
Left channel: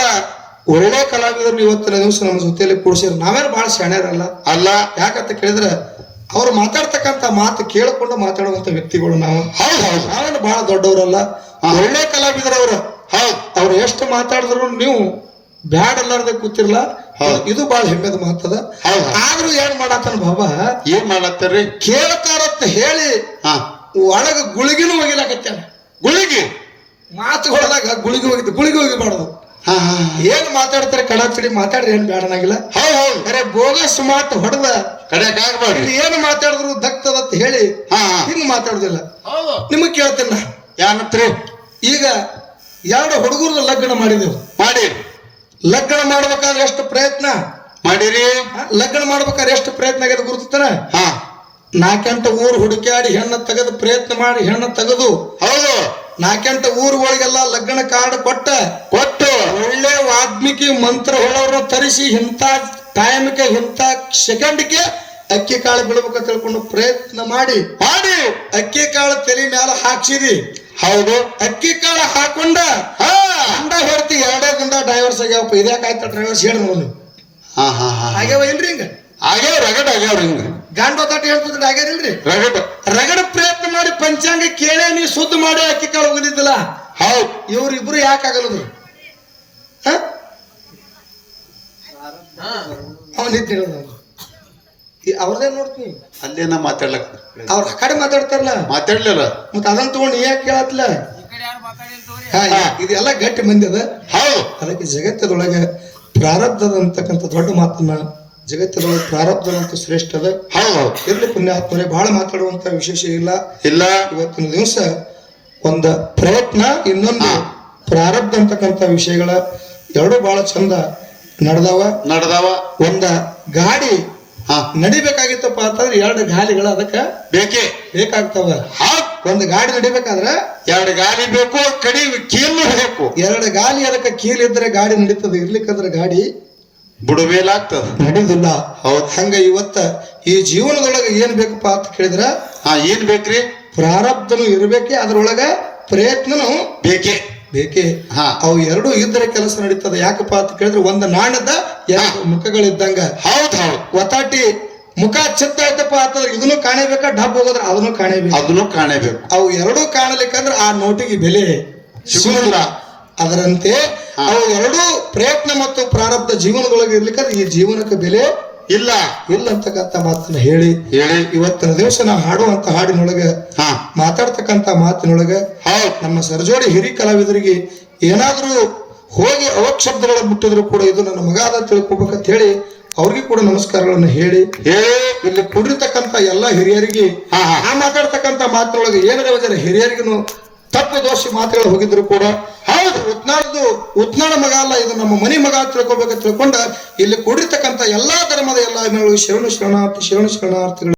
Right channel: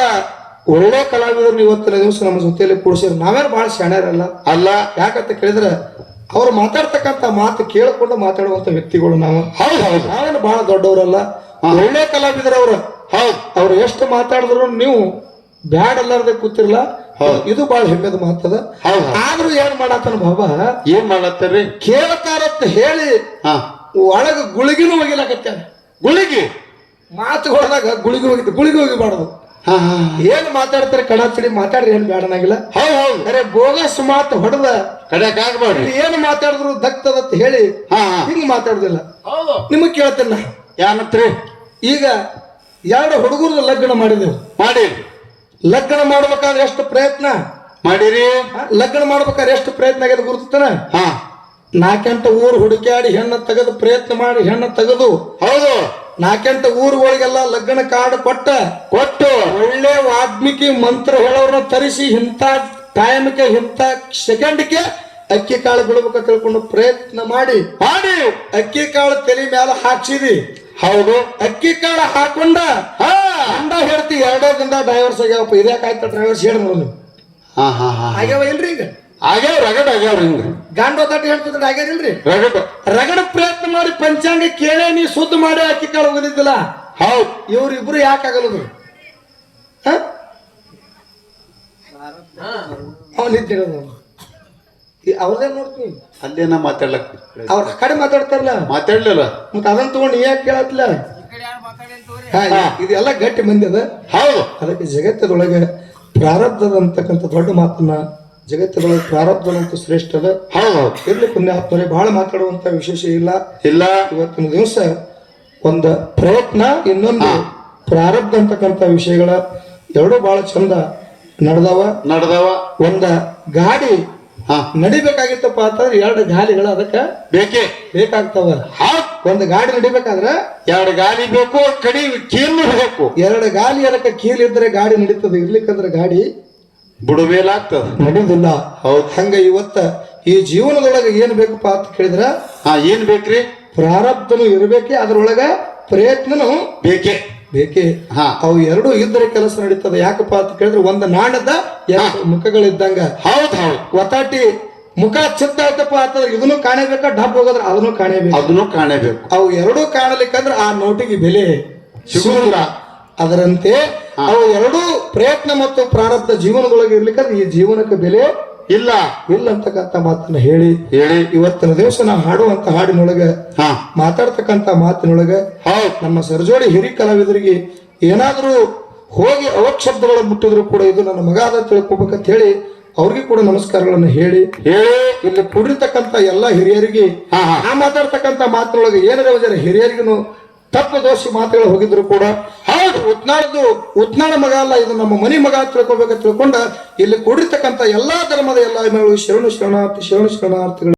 ಒಳ್ಳೆ ಕಲಾವಿದರು ಇವತ್ತಿನ ದಿವಸ ನಮ್ಮ ಜೊತೆಯಲ್ಲಿ ಕೂಡಿಸಿದ್ರು. ನಾವೇನು ಬಹಳ ಶಾಣ್ಯರಲ್ಲ. ಅಲ್ಲ. ಯಾಕಂತ ಕೇಳಿದ್ರೆ ಅವ್ರು ಮಾತಾಡ್ತಕ್ಕಂಥ ಮಾತು ಕೇಳಿಕೊಂಡು ಮಾತಾಡುವಂತ ವ್ಯಕ್ತಿಗಳು ನಾವು. ಹೌದು ಬಹಳ ದೊಡ್ಡವರಲ್ಲ? ಒಳ್ಳೆ ಕಲಾವಿದರು ಅವರು. ಹೌದು. ಅವ್ರು ಎಷ್ಟು ಮಾತಾಡಿದ್ರು ನೀವು ಬ್ಯಾಡ್ ಅಲ್ಲಾರ್ದೆ ಕೂತಿರ್ಲ ಇದು ಬಹಳ ಹೆಮ್ಮೆದ ಮಾತದ. ಆದ್ರೂ ಏನ್ ಮಾಡತ್ತಾನ ಬಾಬಾ? ಏನ್ ಮಾಡತ್ತಾರ್ರಿ ಕೇಳ್ತಾರತ್ತ ಹೇಳಿ ಒಳಗ ಗುಳಿಗಿನೂ ಒಗಿಲಾಕತ್ಯಾನ ಗುಳಿಗಿ? ಮಾತುಗಳದಾಗ ಗುಳಿಗಿ ಹೋಗಿದ್ದು ಗುಳಿಗಿ ಹೋಗಿಬಾರ್ದು. ಏನ್ ಮಾತಾಡ್ತಾರೆ? ಕಡಾಚಡಿ ಮಾತಾಡ್ರಿ ಏನ್ ಬೇಡನಾಗಿಲ್ಲ ಅರೆ ಬೋಗಸ್ ಮಾತು ಹೊಡೆದ. ಕಡೆಕ್ ಏನ್ ಮಾತಾಡಿದ್ರು ದಕ್ತದತ್ತ ಹೇಳಿ. ಹಾ ಹಾ. ಹಿಂಗ್ ಮಾತಾಡುದಿಲ್ಲ. ಹೌದು. ನಿಮಗ್ ಕೇಳ್ತೇನೆ ನಾ. ಯಾನತ್ರಿ ಈಗ ಎರಡು ಹುಡುಗರು ಲಗ್ನ ಮಾಡಿದೆವು. ಮಾಡಿ. ಲಗ್ನ ಮಾಡ್ಬೇಕಾದ್ರೆ ಎಷ್ಟು ಪ್ರಯತ್ನ? ಮಾಡಿರಿ. ಲಗ್ನ ಮಾಡ್ಬೇಕಾದ್ರೆ ಎಷ್ಟು ಪ್ರಯತ್ನ ಆಗ್ಯದ ಗುರುತಾನ ಹಾ ನಾಲ್ಕೆಂಟ ಊರು ಹುಡುಕಾಡಿ ಹೆಣ್ಣು ತೆಗೆದು ಪ್ರಯತ್ನ ಮಾಡಿ ಹೆಣ್ಣು ತೆಗೆದು ಹೌದು. ನಾಕೆಂಟ ಊರುಗಳಿಗೆಲ್ಲ ಲಗ್ನ ಕಾರ್ಡ್ ಕೊಟ್ಟ ಕೊಟ್ಟು. ಒಳ್ಳೆ ವಾಲ್ಮೀಕಿ ಮಂತ್ರ ಹೇಳೋರನ್ನ ತರಿಸಿ ಇಂಥ ಟೈಮ್ಗೆ ಇಂಥ ಸೆಕೆಂಡ್ಗೆ ಅಕ್ಕಿ ಕಾಳು ಬಿಡಬೇಕ ತಿಳ್ಕೊಂಡು ಪ್ರಯತ್ನ ಮಾಡಿ. ಮಾಡಿ. ಅಕ್ಕಿ ಕಾಳು ತಲೆ ಮೇಲೆ ಹಾಕ್ಸಿದಿ. ಹೌದು. ಅಕ್ಕಿ ಕಾಳು ಹಾಕೊಂಡ ಹಾ. ಅಂಡ ಹೇಳ್ತಿ ಎರಡೋ ದಿನ ಡೈವರ್ಸ್ ಆಗ್ಯಾವಪ್ಪ. ಇದ್ಯಾಕಾಯ್ತ ಡ್ರೈವರ್ಸ್ ಹೇಳಿ ನೋಡಿ ಹಾ ಹಾ ಹಾ ಆಗ್ಯಾವ ಇಲ್ರಿ ಹಿಂಗ ರಗಡ ಆಗ್ಯಾವ್ರಿ ಹಿಂಗ. ಗಂಡ ಹೇಳ್ತಿದ್ರೆ ಆಗ್ಯಾರಿಲ್ರಿ ರಗಡ. ರಗಡ ಪ್ರಯತ್ನ ಮಾಡಿ ಪಂಚಾಂಗ ಕೇಳೇ ನೀ ಸುದ್ದ ಮಾಡಿ ಅಕ್ಕಿ ಕಾಳು ಹೋಗಿದ್ದಿಲ್ಲ ಹೌದು. ಇವ್ರಿಬ್ರು ಯಾಕೆ ಆಗಲ್ಲದು ಅವನಿದ್ದೇಳ ಅವ್ರದೇ ನೋಡ್ತೀನಿ? ಅಲ್ಲೇನ ಮಾತಾಡ್ಲಕ್ ಅವ್ರ ಆ ಕಡೆ ಮಾತಾಡ್ತಾರಲ್ಲ? ಮಾತಾಡ್ಲಿಲ್ಲ. ಮತ್ತೆ ಅದನ್ನ ತಗೊಂಡು ಯಾಕೆ ಕೇಳತ್ಲ? ಹಾ ಇದೆಲ್ಲ ಗಟ್ಟಿ ಮಂದಿ ಅದ. ಹೌದು. ಅದಕ್ಕೆ ಜಗತ್ತದೊಳಗೆ ಪ್ರಾರಬ್ಧದ ಅಂತಕ್ಕಂಥ ದೊಡ್ಡ ಮಾತನ್ನ ಜಗತ್ತದೊಳಗೆ ಪ್ರಾರಬ್ಧದಂತ ಶ್ರೇಷ್ಠ ಅದ ಇರ್ಲಿ ಪುಣ್ಯಾತ್ಮರೇ ಬಹಳ ಮಾತಾಡುವಂತ ವಿಶೇಷ ಇಲ್ಲ. ಇಲ್ಲ. ಇವತ್ತಿನ ದಿವಸ ಒಂದು ಪ್ರಯತ್ನ ಇನ್ನೊಂದು ಪ್ರಾರಬ್ಧ ಅಂತಕ್ಕಂಥ ವಿಷಯಗಳ ಎರಡು ಬಹಳ ಚಂದ ನಡೆದವ. ನಡೆದವ. ಒಂದ ಗಾಡಿ ಹಾ. ನಡಿಬೇಕಾಗಿತ್ತಪ್ಪ ಅಂತಂದ್ರೆ ಎರಡು ಗಾಲಿಗಳು ಅದಕ್ಕೆ ಬೇಕೆ? ಬೇಕಾಗ್ತಾವ. ಒಂದು ಗಾಡಿ ನಡಿಬೇಕಾದ್ರೆ ಎರಡು ಗಾಲಿ ಬೇಕು ಕಡಿ ಕೀಲು ಬೇಕು. ಎರಡು ಗಾಲಿ ಅದಕ್ಕೆ ಕೀಲಿದ್ರೆ ಗಾಡಿ ನಡೀತದೆ. ಇರ್ಲಿಕ್ಕಂದ್ರೆ ಗಾಡಿ ಬುಡಬೇಲಾಗ್ತದ ನಡೆಯುದಿಲ್ಲ ಹೌದು ಹಂಗ ಇವತ್ತ ಈ ಜೀವನದೊಳಗೆ ಏನ್ ಬೇಕಪ್ಪ ಅಂತ ಕೇಳಿದ್ರ? ಹಾ ಏನ್ ಬೇಕ್ರಿ? ಪ್ರಾರಬ್ಧನು ಇರಬೇಕೆ ಅದ್ರೊಳಗ ಪ್ರಯತ್ನನು ಬೇಕೆ. ಬೇಕೇ. ಹಾ. ಅವು ಎರಡು ಇದ್ದರೆ ಕೆಲಸ ನಡೀತದೆ ಯಾಕಪ್ಪ ಅಂತ ಕೇಳಿದ್ರೆ ಒಂದು ನಾಣದ ಎರಡು ಮುಖಗಳಿದ್ದಂಗ. ಹೌದ್ ಹೌದು. ಒತ್ತಾಟಿ ಮುಖ ಚಿತ್ತ ಆಯ್ತಪ್ಪ ಅಂತಂದ್ರೆ ಇದನ್ನು ಕಾಣಬೇಕಾ? ಡಬ್ ಹೋಗೋದ್ರೆ ಅದನ್ನು ಕಾಣಬೇಕು. ಅದನ್ನು ಕಾಣಬೇಕು. ಅವು ಎರಡೂ ಕಾಣಲಿಕ್ಕಂದ್ರೆ ಆ ನೋಟಿಗೆ ಬೆಲೆ ಸಿಗುವುದಿಲ್ಲ. ಅದರಂತೆ ಎರಡೂ ಪ್ರಯತ್ನ ಮತ್ತು ಪ್ರಾರಬ್ಧ ಜೀವನದೊಳಗೆ ಇರ್ಲಿಕ್ಕೆ ಈ ಜೀವನಕ್ಕೆ ಬೆಲೆ ಇಲ್ಲ. ಇಲ್ಲ ಅಂತಕ್ಕಂಥ ಮಾತನ್ನ ಹೇಳಿ. ಹೇಳಿ. ಇವತ್ತಿನ ದಿವಸ ನಾವು ಹಾಡುವಂತ ಹಾಡಿನೊಳಗ ಹಾ. ಮಾತಿನೊಳಗೆ ನಮ್ಮ ಸರ್ಜೋಡಿ ಹಿರಿ ಕಲಾವಿದರಿಗೆ ಏನಾದರೂ ಹೋಗಿ ಅವಕ್ಷಬ್ದಗಳು ಮುಟ್ಟಿದ್ರು ಕೂಡ ಇದು ನನ್ನ ಮಗ ಅದ ತಿಳ್ಕೊಬೇಕಂತ ಹೇಳಿ ಅವ್ರಿಗೆ ಕೂಡ ನಮಸ್ಕಾರಗಳನ್ನು ಹೇಳಿ. ಹೇಳಿ. ಇಲ್ಲಿ ಕೂಡಿರ್ತಕ್ಕಂಥ ಎಲ್ಲಾ ಹಿರಿಯರಿಗೆ ಆ ಮಾತಾಡ್ತಕ್ಕಂಥ ಮಾತಿನೊಳಗೆ ಏನಾರ ಹಿರಿಯರಿಗೂ ತಪ್ಪು ದೋಷಿ ಮಾತುಗಳು ಹೋಗಿದ್ರು ಕೂಡ, ಹೌದು, ಉತ್ನಾಳದು, ಉತ್ನಾಳ ಮಗ ಅಲ್ಲ, ಇದು ನಮ್ಮ ಮನಿ ಮಗ ತಿಳ್ಕೊಬೇಕು ತಿಳ್ಕೊಂಡ, ಇಲ್ಲಿ ಕೂಡಿರ್ತಕ್ಕಂಥ ಎಲ್ಲಾ ಧರ್ಮದ ಎಲ್ಲ ಶರಣು ಶರಣಾರ್ಥಿ, ಶರಣು ಶರಣಾರ್ಥಿಗಳು.